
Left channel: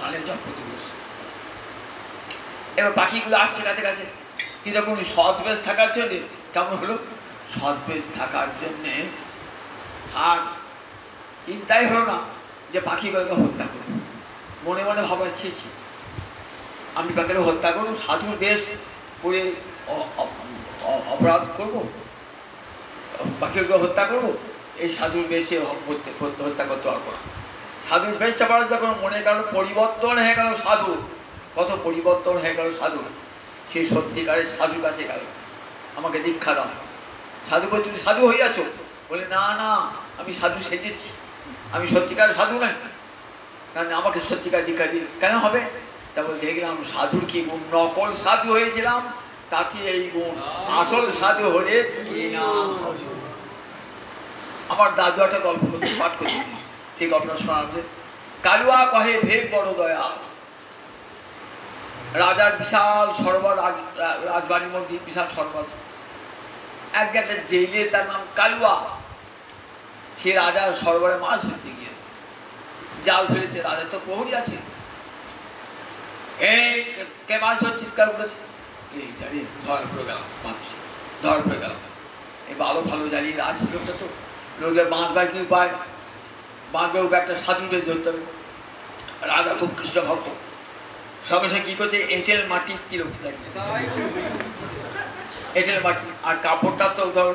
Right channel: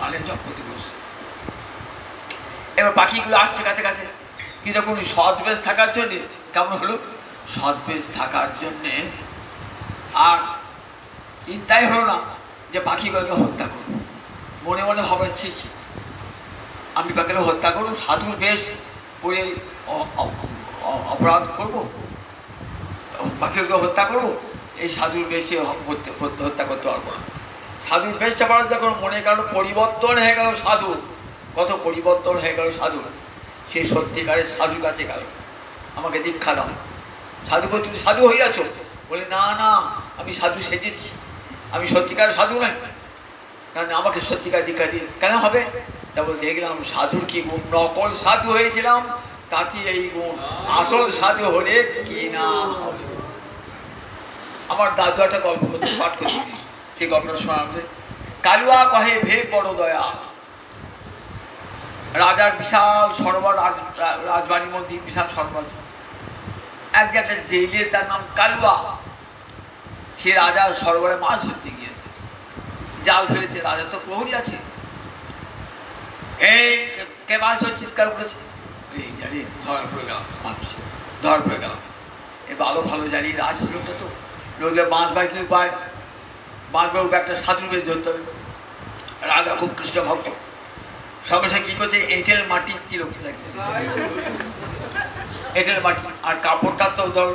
মানে জপ করতে বসছে। এবার পাখিগুলো আসছে কাছে কাছে, কিন্তু এখন সৎবেশ থাকার জন্যে কেমন হলো, সৎবেশ থাকার জন্যে আর চিন্তাই হলো না যে পাখিগুলোকে হত্যা করবো। মনে মনে ভাবনা ছি আমি পাখিকে হত্যা করবো, সাধুর বেশ পরে অপরাধ করবো, পাখিকে হত্যা করবো, এই সাধুর বেশে হত্যা করতে পারবো না। সাধুর বেশটা পাওয়ার যখন মনে কারণ পরিবর্তন হয়ে গেল সাধু, কত পরিবর্তন হয়ে গেল সাধু, সে সত্যিকারের সাধুর কাছে গেল, আমাকে দীক্ষা দাও। সাধু বলে তুমি সাধু হয়ে আছো, বলে না না আমি সাধু সেজেছি, আমি সত্যিকার সাধু নয়, কারণ আমাকে সত্যিকার দীক্ষা দিন। কেন হবে, তারপর দেখলাম সাধুর কি গুণ, নকল সাধু হয়েছিলাম তাতে এই গুণ, আসল সাধু হলে কি না হবে। আমার দাদু একটা গল্প পাঠ করতে, সেই গল্পটা শোনাবে। কালুয়া কহে ভেদ বড় দয়া, রাজার বিশাল সরোবর, রাজবাড়ির মধ্যে বিশাল সরোবর, একটা জেলে তার নাম কালুয়া, সে রাজার সরোবরে মাছ ধরতে গিয়েছে, জাল ফেলেছে, রাজার তো প্রহরী আছে, এই কে মাছ ধর চিৎকার করেছে, এই জানি ধরা পড়ে গেলাম, মানুষ ধরা পড়ে গেলাম। এই ভালো ভালো জানি রাজ লোকটা তো লোকের বাঁধবার কি উপায়, বাঁধবার উপায় একটা সাধু বেশ ধরতে হবে। রাজা খুব কৃষ্ণ ভক্ত, সঙ্গে সঙ্গে কি করছে, এঁটেল মাটির তিলক লাগছে, এঁটেল মাটি, আর কাপড়টা তো ধর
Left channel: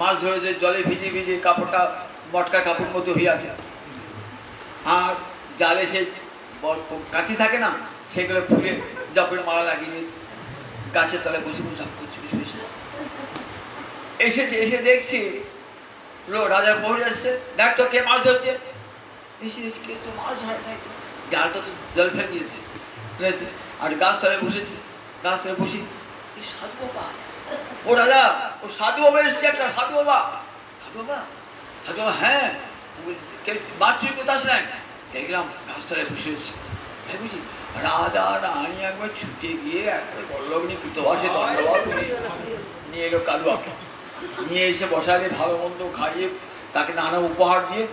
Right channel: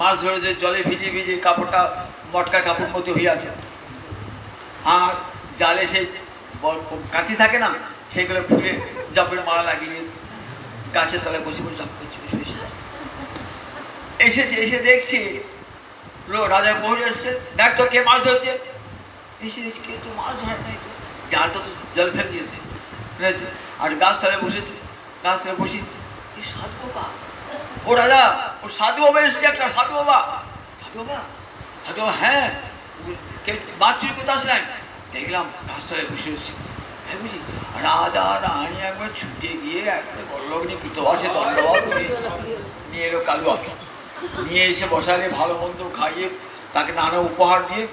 মাছ ধরে যে জলে ভিজে ভিজে কাপড়টা মটকার কাপড় মধ্যে হয়ে আছে, আর জালে সে কাঠি থাকে না, সেগুলো খুলে জপের মালা লাগিয়ে দিয়েছে, গাছের তলায় বসে বসে জপ করছে, বসে বসে এসেছে, এসে দেখছি রাজার প্রহরী এসছে, দেখ তো কে মাছ ধরছে, এসে কে তো মাছ ধরে নাই, তো জালটা তো জল ফেলে দিয়েছে, আর গাছ তলায় বসেছে, গাছ তলায় বসে সাধু বাবা, ও রাজা ও সাধু বাবা এসছে, একটা সাধু বাবা, সাধু বাবা, সাধু বাবা, হ্যাঁ কেউ মাছ চুরি করতে আসে নাই, দেখলাম গাছ তলায় বসে রয়েছে, হ্যাঁ বুঝি। রাজা রানী একবার ছুটে গিয়ে একবার বল্লগ্নি কৃতবাসে দণ্ডবাদ নিয়ে এলো কালুয়াকে, নিয়ে এসে বসালে, ভালো মন্দ খাইয়ে তাকে নানা উপহার দিয়ে,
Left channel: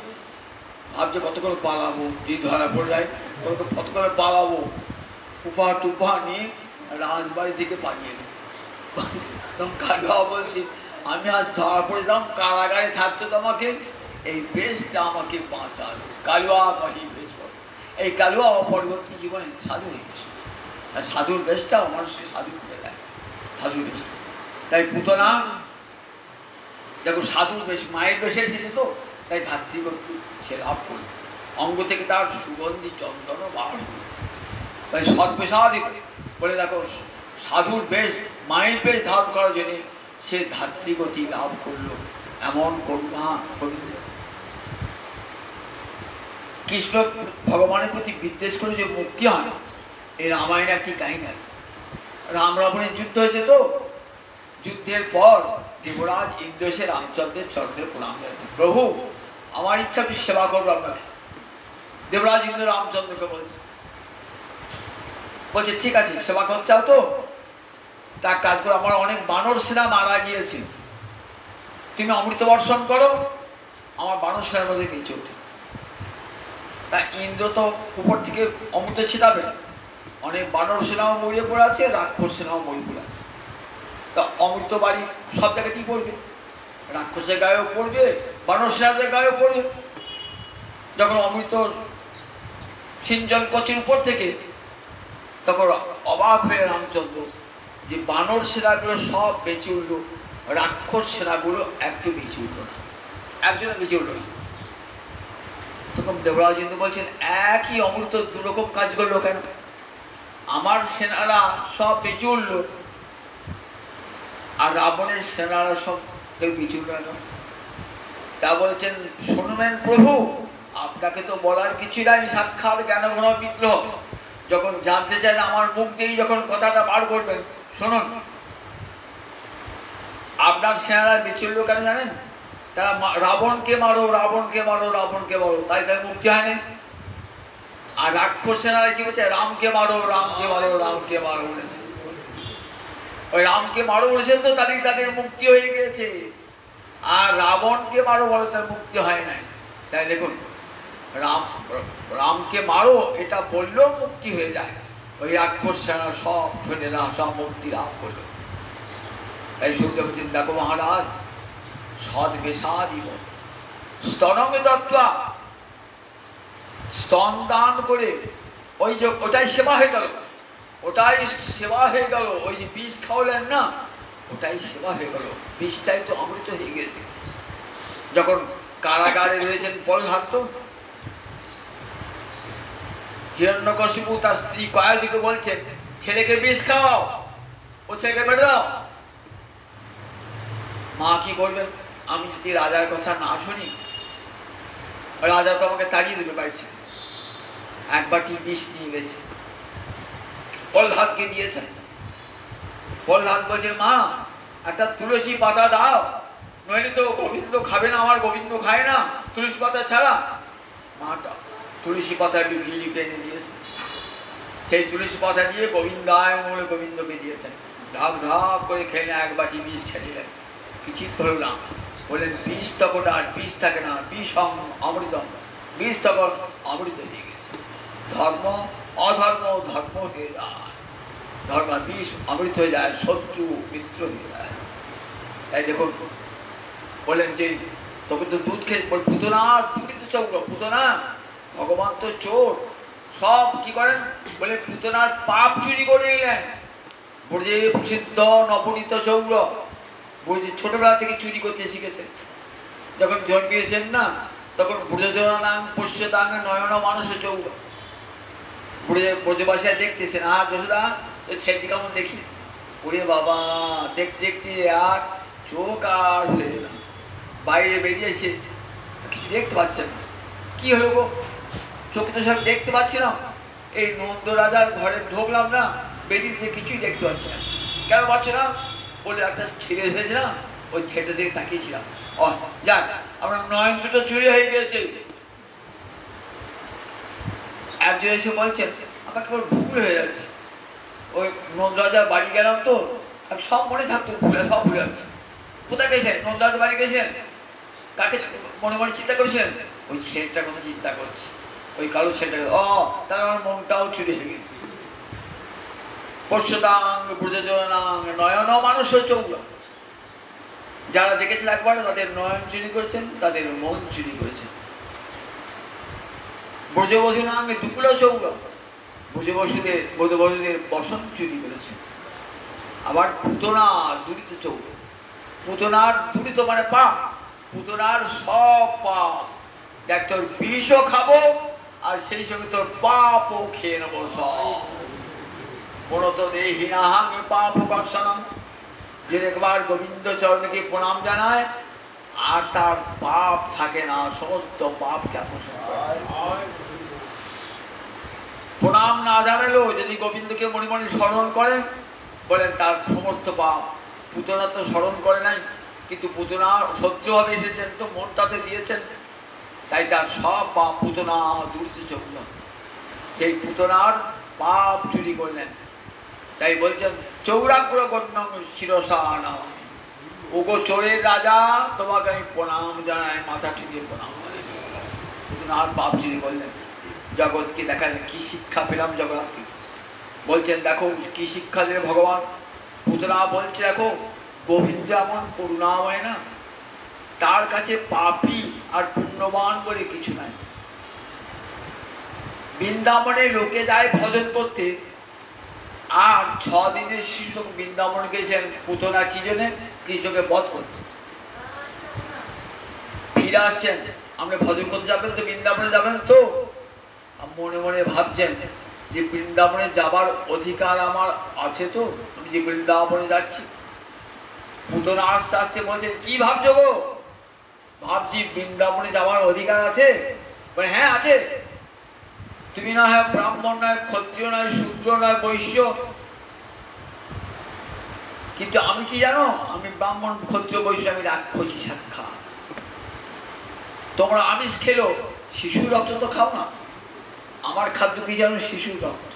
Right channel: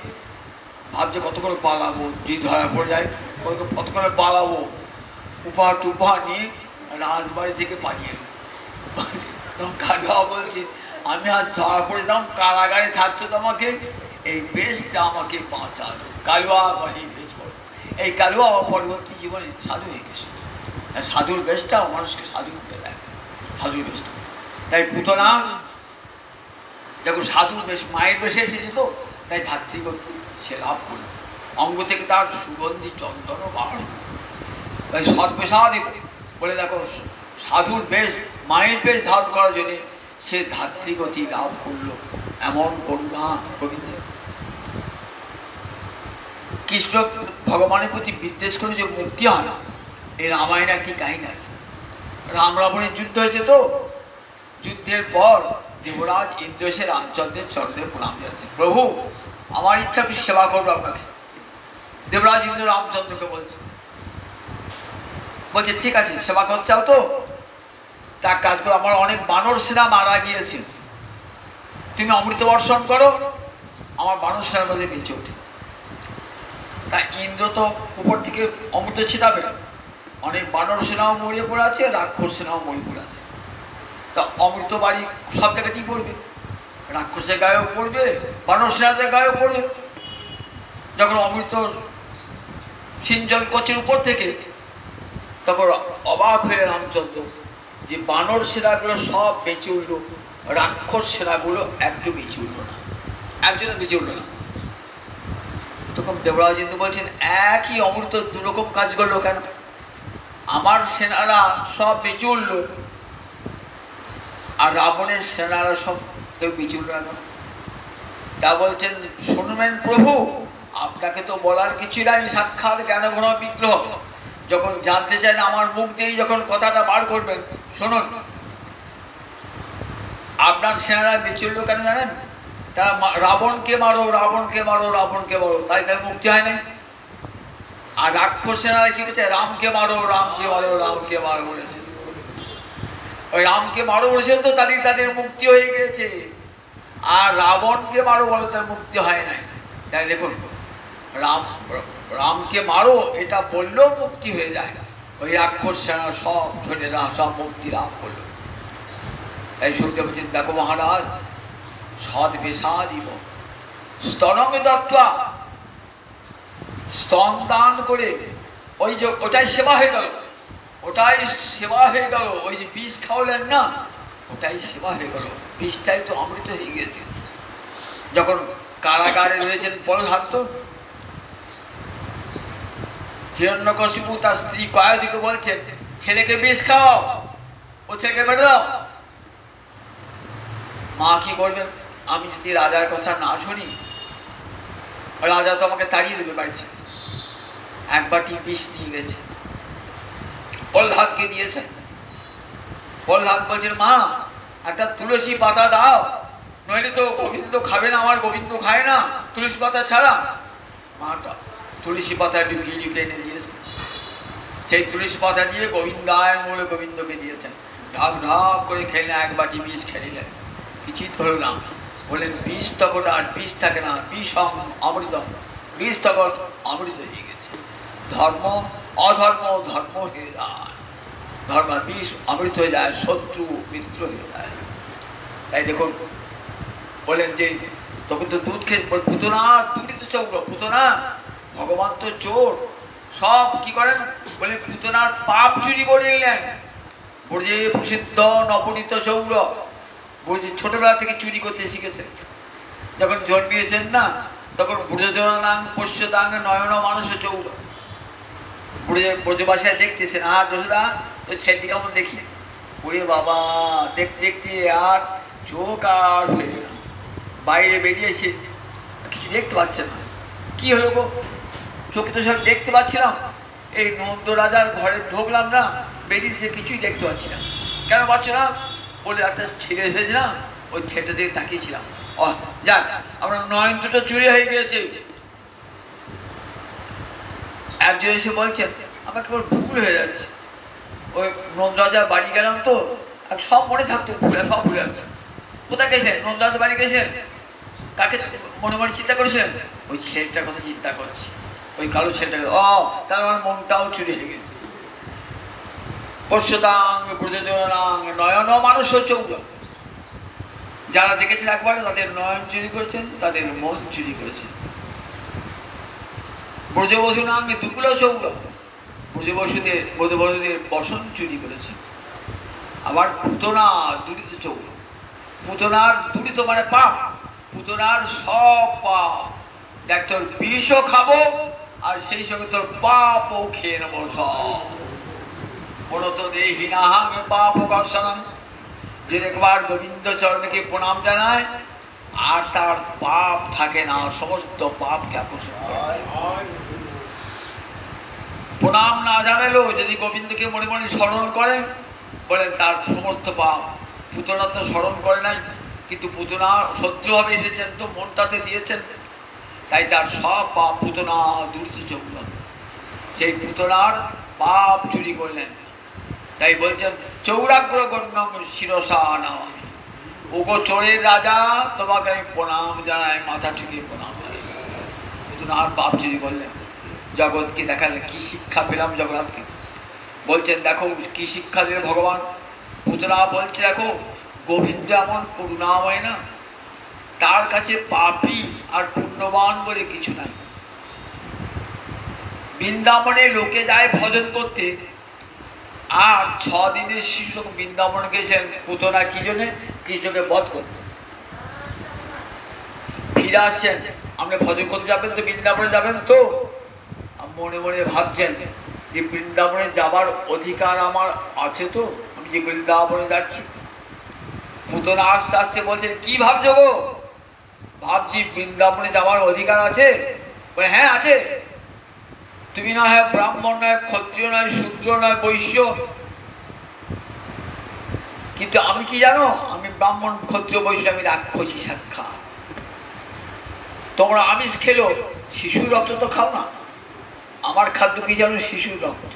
ভাবছে কতক্ষণ পালাবো, যদি ধরা পড়ে যায় কতক্ষণ পালাবো, উপহার টুপহার নিয়ে রাজবাড়ি থেকে পালিয়ে এলো। তখন কালুয়া বলছে আমি আজ ধরা পড়ে দাম, কারাগারে থাকছো তোমাকে, এই বেশটা আমাকে বাঁচালো। কালুয়া কহে বেশ বড়, এই কালুয়া পরবর্তী জীবনে সাধু হয়ে গেছে। সাধুর বেশটাও মানুষকে সাধু করে দেয়, সাধুর বেশটা। তাই পুতনা যখন সাধুর বেশ মায়ের বেশে এসেছে তো, তাই ধাত্রীগতি সে লাভ করল, অঙ্গ থেকে তার সুগন্ধি চন্দন বার। তাই সর্বেসাধি বলে দেখো সাধুর বেশ মায়ের বেশ ধারণ করার জন্য সে ধাত্রীগতি লাভ করলো। এমন কন্যা গোবিন্দ কৃষ্ণ ভগবানের প্রতি বিদ্বেষ করে যে মুক্তি হয় না, এই রামায়ণের একটি কাহিনী আছে। রাম রাবণের যুদ্ধ হয়েছে তো, যুদ্ধের পর দেবরাজ ইন্দ্র এসে রামচন্দ্রের চরণে প্রণাম জানাচ্ছে, প্রভু আমার ইচ্ছা আপনি সেবা করবো আপনাকে। দেবরাজ ইন্দ্র রামচন্দ্রকে বলছে ঠিক আছে সেবা করতে চাও তো, তার কাজ করে আমার অনেক বানর সেনা মারা গিয়েছে, তুমি অমৃত বর্ষণ করো, আমার বানর সেনার মধ্যে বেঁচে ওঠে। তা ইন্দ্র তো উপর থেকে অমৃত ছিটাবে, অনেক বানর সেনাও মরিয়ে পড়ে আছে, রাক্ষস সেনাও মরিয়ে পড়ে আছে। তা অমৃত বাড়ি সব জায়গায় কি করবে, রাক্ষসের গায়েও পড়বে, বানর সেনাদের গায়েও পড়বে। যখন অমৃত সিঞ্চন করছেন উপর থেকে, তখন অবাক হয়ে রামচন্দ্র যে বানর সেনাগুলো সব বেঁচে উঠলো, রাক্ষস সেনাগুলো একটু বেঁচে উঠলো না, একজনও বেঁচে উঠলো না। তখন দেবরাজ ইন্দ্র বলছেন, একই অমৃত দুরকম কাজ করলো কেন? আমার সেনারা সব বেঁচে উঠলো আর রাবণের সেনারা সব কেউ বেঁচে উঠল না। তা বলছেন, শুনবেন প্রভু, আপনাকে তো বলার কিছু নাই, সাক্ষাৎ জ্ঞানঘন বিগ্রহ, যখন জানতে চান আমার মুখ দিয়ে যখন কথাটা বার করবেন, শুনুন। আপনার সেনারা বেঁচে উঠলো কেন জানেন? তারা রাবণকে মারো, রাবণকে মারো, রাবণকে মারো, তাই তার মুক্তি হয় না। আর রাক্ষস সেনারা কি বলছে, রামকে মারো, রামকে মারো, রামকে মারো বলেছে। ওই রামকে মারো বলেছেন তো তাদের মুক্তি হয়ে গেছে, আর রাবণকে মারো বলে তার মুক্তি হয় নাই। তাই দেখুন, রামকে মারো এটা বললেও মুক্তি হয়ে যায়, ওই রাক্ষস সেনা সব ছেলেরা সব মুক্তি লাভ করলো। তাই শুনতে পাচ্ছেন, দেখো মহারাজ, সদ বেসাদিব স্তনমে দত্তা, স্তন দান করে ওই যে ওটাই সেবা হয়ে গেল, ওটাই সেবা হয়ে গেল। ওই যে বিষ খাওয়ালেন না, ওটাই সেবা হয়ে গেল, বিষটাই তো অমৃত হয়ে গেছে। যখন কারাগারে রয়েছেন প্রহ্লাদ, হিরণ্যকশিপু তার স্ত্রী কয়াদিকে বলছেন, ছেলেকে বিষ খাওয়াও, ও ছেলেকে বেড়ে দাও। মা কি করবেন, আমি যদি রাজার কথা না শুনি, রাজা তো আমাকে তাড়িয়ে দেবে বাড়িতে। এক বাটি বিষ নিয়ে গেছে, প্রহ্লাদকে দিয়েছেন। প্রহ্লাদ বলছেন, মা একটা তুলসী পাতা দাও, নইলে তো গোবিন্দ খাবে না, আমার গোবিন্দ খায় না তুলসী পাতা ছাড়া। মাটা তুলসী পাতা ঢুকিয়ে ঢুকিয়ে এনে দিয়েছেন। সেই তুলসী পাতা দিয়ে গোবিন্দায় বলে গোবিন্দকে দিয়েছেন। ঢাক ঢাক করে খেলেন, এক বাটি বিষ খেলিলেন, কিছুই তো হলো না। বললেন, বিষ তখন আর বিষ থাকে না, বিষ অমৃতম, বিষ তখন অমৃত হয়ে গেছে। ধর্ম অধর্ম ধর্ম হয়ে যায়, ধর্ম বিষ অমৃত হয়ে যায়, শত্রু মিত্র হয়ে যায়। তাই দেখুন বলেন যে তখন তো দুধ খেয়ে পুতনা দুর্নীত চৌর, পুতনা ভগবান তো চোর, সব কি করেন বলে পুতনার পাপ চুরি করে নিলেন। ব্রজে প্রসিদ্ধ নবনীত চৌর, ব্রজে ছোটবেলা থেকে চুরি করতে শিখেছেন। যখন জন্মিয়েছেন না, তখন ব্রজজনাং পোষ্যদাং নয়ন মানুষ চৌর, ব্রজবাসীরা দেখতেছেন, আর যশোদা ওই ছেলেটি কেমন দেখি, ওরে বাবা দেখতে দেখতে আর চোখ আর হয়ে গেলাম, বাইরে বেরিয়ে এসে কিছু দেখতে পাচ্ছেন না। কি হলো গো, চোখে তো সব দেখতে পাচ্ছিলাম, এই নন্দ রাজার ঘরে ঢুকলাম না, বেরিয়ে যে কিছুই দেখতে পাচ্ছি না। কেন পাচ্ছ না বলে, একটা ছেলে হয়েছে না, ওই ছেলেটা দিকে তাকিয়েছিলাম, ও যাক আমার নয়ন দুটো চুরি হয়ে গিয়েছে। একজন এসে বলছেন, আমার কেবল ভুল হয়ে যাচ্ছে, ওই নন্দ রাজার বাড়ি গেলাম তো, আর সব মনে থাকতো, ভুলে সব ভুলে যাচ্ছে। কোথায় গেছেন? নন্দ রাজার বাড়ি গেছেন, তাকে মনে মনে চিন্তা করেছেন, ওই ছেলেটার কথা চিন্তা করছি, ওই কালো ছেলেটাকে, ও তার আমার মনটাও চুরি হয়ে গেছে। পশ্যদাং ব্রজজনাং নয়ন মানুষ চৌর, যারা দেখেছেন একবার তাদের নয়ন চুরি করেছেন, তাদের মন চুরি করেছেন। ব্রজবধূনাং দুকুল চৌর, ব্রজবসুদের বসন চুরি করেছে। আবার পুতনা দুরিত চোখ, পুতনার দুরিত মানে পাপ, পুতনার সব পাপ দেখ, তোর বিষও খাবো আর সেই সঙ্গে তোর পাপও খেয়ে নেবো সব। মূলত দেহিনাহাং পাপ কর্ষণম, যে একবার গোবিন্দ চরণকে প্রণাম জানায় আর তার পাপ থাকে না, সমস্ত পাপকে আকর্ষণ করে। প্রণাম না জানালেও যদি গোবিন্দকে মনে মনে স্মরণ করেন, বলেন তার সমস্ত পাপ। পুতনা তো স্মরণ করে নাই, কিন্তু পুতনা সহ্যভাবে এসেছেন তো মনটাতে দিয়েছেন, তাই তার সব পাপ পুতনা দূরতে চলল। সেই পুতনার পাপ চুরি করলেন, তাই বলছেন চৌরাগ্র গণ্যং শিরসা নমামি, ওগো চোরের রাজা তোমাকে আমি প্রণাম জানাই, মাথা ঠুকিয়ে প্রণাম জানাই। পুতনার পাপ চুরি করলেন, জগৎকে দেখালেন। কি শিক্ষা পেলাম জগন্নাথকে? বলছেন দেখো কি শিক্ষা দিলে ভগবান। পুতনা বলছে দেখো গোবিন্দ এমন করুণাময় না, তার কাছে পাপী আর পুণ্যবান বলে কিছু নাই। বৃন্দাবনে লোকে যায় ভজন করতে, আর 6 দিনের শিশু বৃন্দাবন গেছেন পুতনা কি জন্য? কৃষ্ণকে বধ করতে। ফিরে আসছেন, আপনি ভজন করতে যাবেন তো, বৃন্দাবনে যাবেন তো, মনে মনে ভাবছেন যে বৃন্দাবনে যাবার অধিকার আমার আছে তো, আমি যে বৃন্দাবনে যাচ্ছি। পুতনা আস্তে আস্তে বলছেন কি ভাবছো গো? ভাবছি বৃন্দাবনে যাওয়ার অধিকার আছে। হ্যাঁ আছে, তুমি না হয় ব্রাহ্মণ নয়, ক্ষত্রিয় নয়, শূদ্র নয়, বৈশ্য, কিন্তু আমি কি জানো? আমি ব্রাহ্মণ, ক্ষত্রিয়, বৈশ্য, আমি রাক্ষসী সাক্ষা। তোমরা আমিষ খেলো, শিশুর রক্ত তো খাও না। আমার খাদ্য কি জানো? শিশুর রক্ত।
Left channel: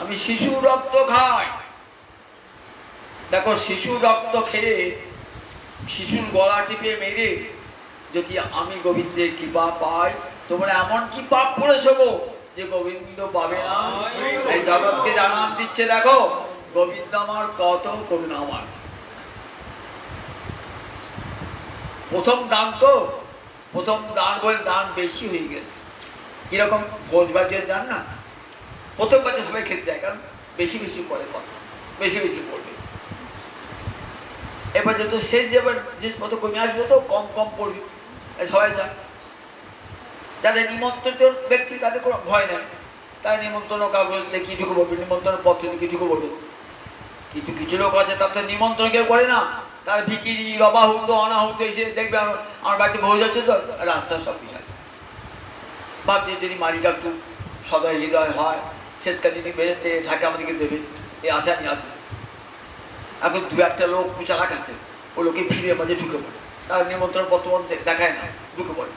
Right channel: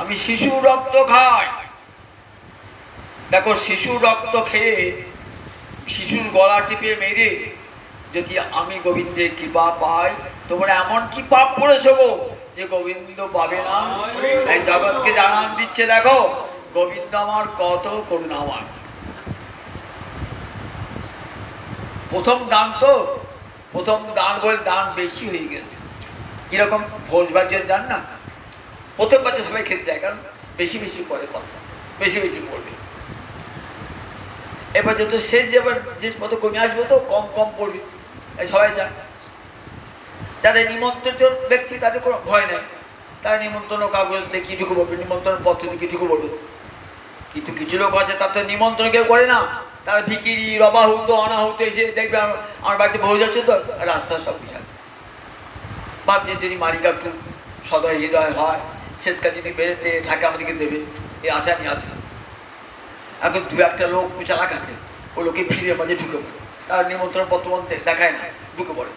আমি শিশুর রক্ত খাই। দেখো শিশুর রক্ত খেয়ে শিশুর গলা টিপে মেরে যদি আমি গোবিন্দের কৃপা পাই, তোমরা এমন কি পাপ করেছো গো যে গোবিন্দ পাবে না? এই জগৎকে জানান দিচ্ছে দেখো গোবিন্দ আমার কত করুণাময়। প্রথম দান তো, প্রথম দান বলে দান বেশি হয়ে গেছে। কিরকম ভোজ বাজিয়ে যান না, প্রথম বাজে সবাই খেতে যায়, কারণ বেশি বেশি পড়ে কথা, বেশি বেশি পড়বে। এবার যত শেষ এবার যে কত কমে আসবে তো কম কম পড়বে, সবাই চান। যাদের নিমন্ত্রিত ব্যক্তি তাদের কোনো ভয় নেই, তারা নিমন্ত্রণ কাগজ দেখিয়ে ঢুকে পড়বে, নিমন্ত্রণ পত্র দেখিয়ে ঢুকে পড়বে। কিন্তু কিছু লোক আছে তার তো নিমন্ত্রণ কেউ করে না, তারা ভিকিরি, রবাহুত, অনাহুত এসে দেখবে আমার বাড়িতে ভোজ আছে তো, রাস্তা সব কিছু আছে। ভাবছে যদি মালিকা একটু সদয় হৃদয় হয়, শেষ কাজ যদি বেরোতে থাকে আমাদেরকে দেবে, এই আশা নিয়ে আছে। এখন 2-1টা লোক চালাক আছে, ও লোকে ভিড়ের মাঝে ঢুকে পড়ে, তার নিমন্ত্রণ পত্র দেখায় না, ঢুকে পড়ে।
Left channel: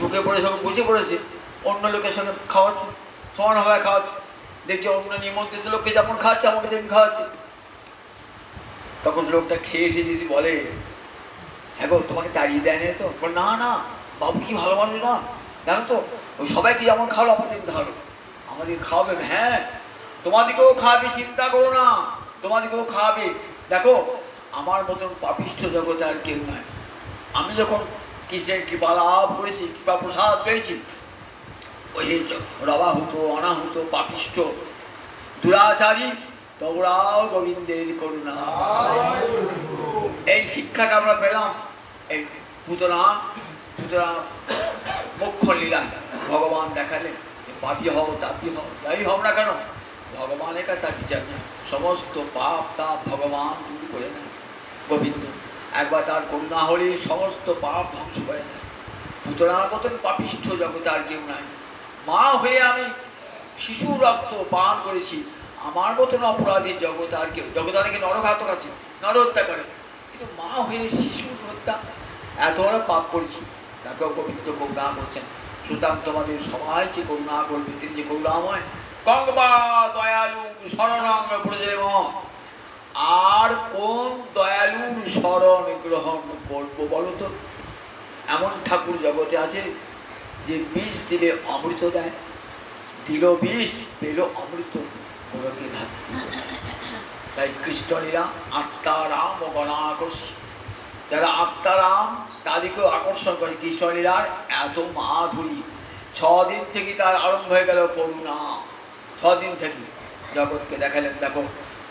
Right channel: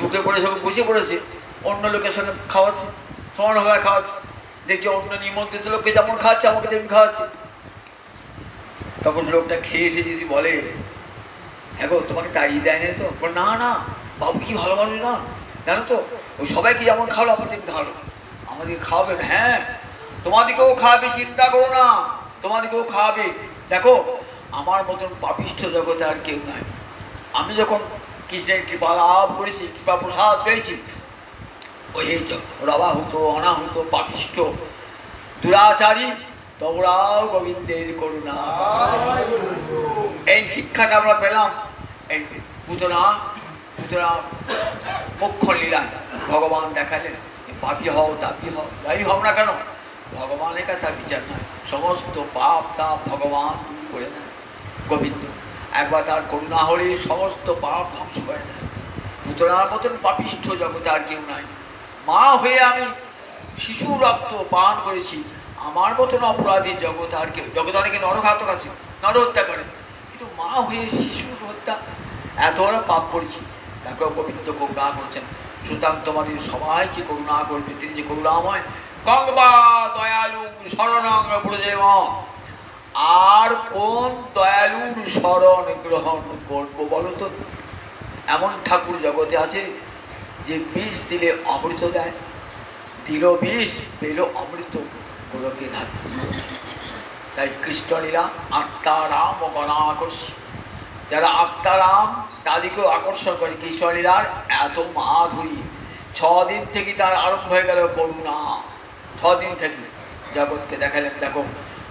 ঢুকে পড়ে সব বসে পড়েছে, অন্য লোকের সঙ্গে খাওয়াচ্ছে, সমানভাবে খাওয়াচ্ছে। দেখছে অন্য নিমন্ত্রিত লোককে যেমন খাওয়াচ্ছে আমাকে তেমনি খাওয়াচ্ছে। তখন লোকটা খেয়ে এসে যদি বলে হ্যাঁ গো তোমাকে তাড়িয়ে দেয় না তো? না না বাবু কি ভালো মানুষ না, জানো তো ওই সবাইকে যেমন খাওয়ালো আমার তেমনি খাওয়ালো, আমাদেরকে খাওয়াবে। হ্যাঁ তোমাদেরকেও খাওয়াবে, চিন্তা করো না, তোমাদেরকেও খাওয়াবে। দেখো আমার মতন পাপিষ্ঠ জগতে আর কেউ নাই। আমি যখন কৃষ্ণের কৃপা লাভ করেছি, কৃপা প্রসাদ পেয়েছি, ওই রবাহুত, অনাহুত, পাপিষ্ঠ, দুরাচারী তোমরাও গোবিন্দের করুণা। এই শিক্ষাটা আমরা পেলাম এই পুতনা মুখ্য লীলায়। ভগবান দেখালেন পাপি হও, তাপি হও, যাই হও না কেন, ভগবানের কাছে তার বিচার নয়, সমস্ত পাপ তাপ ভগবান দূর করে দেয়। গোবিন্দ একবার তার করুণা হলে সমস্ত পাপ ধ্বংস করে দেয়। পুতনার মতন পাপিষ্ঠ জগতে আর কেউ নাই। মা হয়ে আমি শিশুর রক্ত পান করেছি, আমার মতন অপরাধী জগৎ আর কেউ। জগৎ অনেকে নরঘাতক আছে, নরহত্যা করে, কিন্তু মা হয়ে শিশুর হত্যা, এত বড় পাপ করেছি, তাকেও গোবিন্দ করুণা করছেন। সুতরাং তোমাদের সবাইকে করুণা করবে, তিনি যে করুণাময়। গঙ্গা দয়ালু শরণং ব্রজেম, আর কোন দয়ালুর শরণ গ্রহণ করবো বলো তো? এমন ঠাকুর জগতে আছে যে বিষ দিলে অমৃত দেয়, দিল বিষ পেল অমৃত, ওরকে ঘাটতি। তাই কৃষ্ণলীলা আত্মারাম ও গণাকর্ষ, যারা আত্মারাম তাদেরকেও আকর্ষণ করে কৃষ্ণলীলার এত মাধুরী। 6 দিন থেকে তার আরম্ভ হয়ে গেল করুণা, ছদিন থেকে জগৎকে দেখালেন, দেখো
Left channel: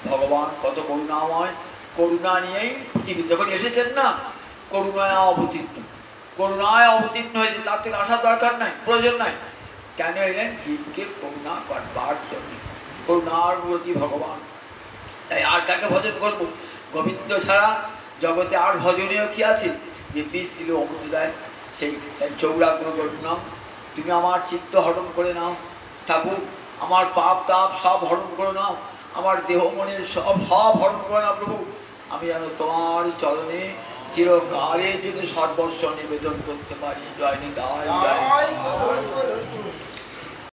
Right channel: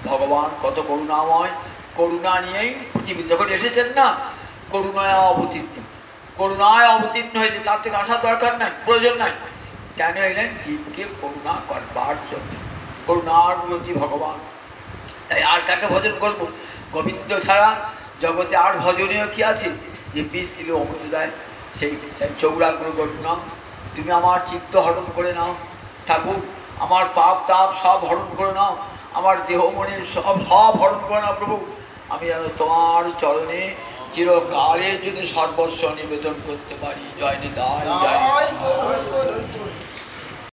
ভগবান কত করুণাময়, করুণা নিয়েই পৃথিবী যখন এসেছেন না, করুণায় অবতীর্ণ হয়েছে, তার থেকে আসার দরকার নাই, প্রয়োজন নাই। কেন এলেন? জীবকে করুণা করবার জন্য, করুণার মূর্তি ভগবান। তাই আর কাকে ভজন করবো? গোবিন্দ ছাড়া জগতে আর ভজনীয় কি আছে? যে বীজ দিল অমৃত দেয়, সেই চৌরাগ্র নাম। তুমি আমার চিত্ত হরণ করে নাও ঠাকুর, আমার পাপ তাপ সব হরণ করে নাও, আমার দেহ মনের সব হরণ করে নাও প্রভু। আমি যেন তোমার চরণে চিরকালের জন্য সর্বস্ব নিবেদন করতে পারি। জয় নিতাই, জয়।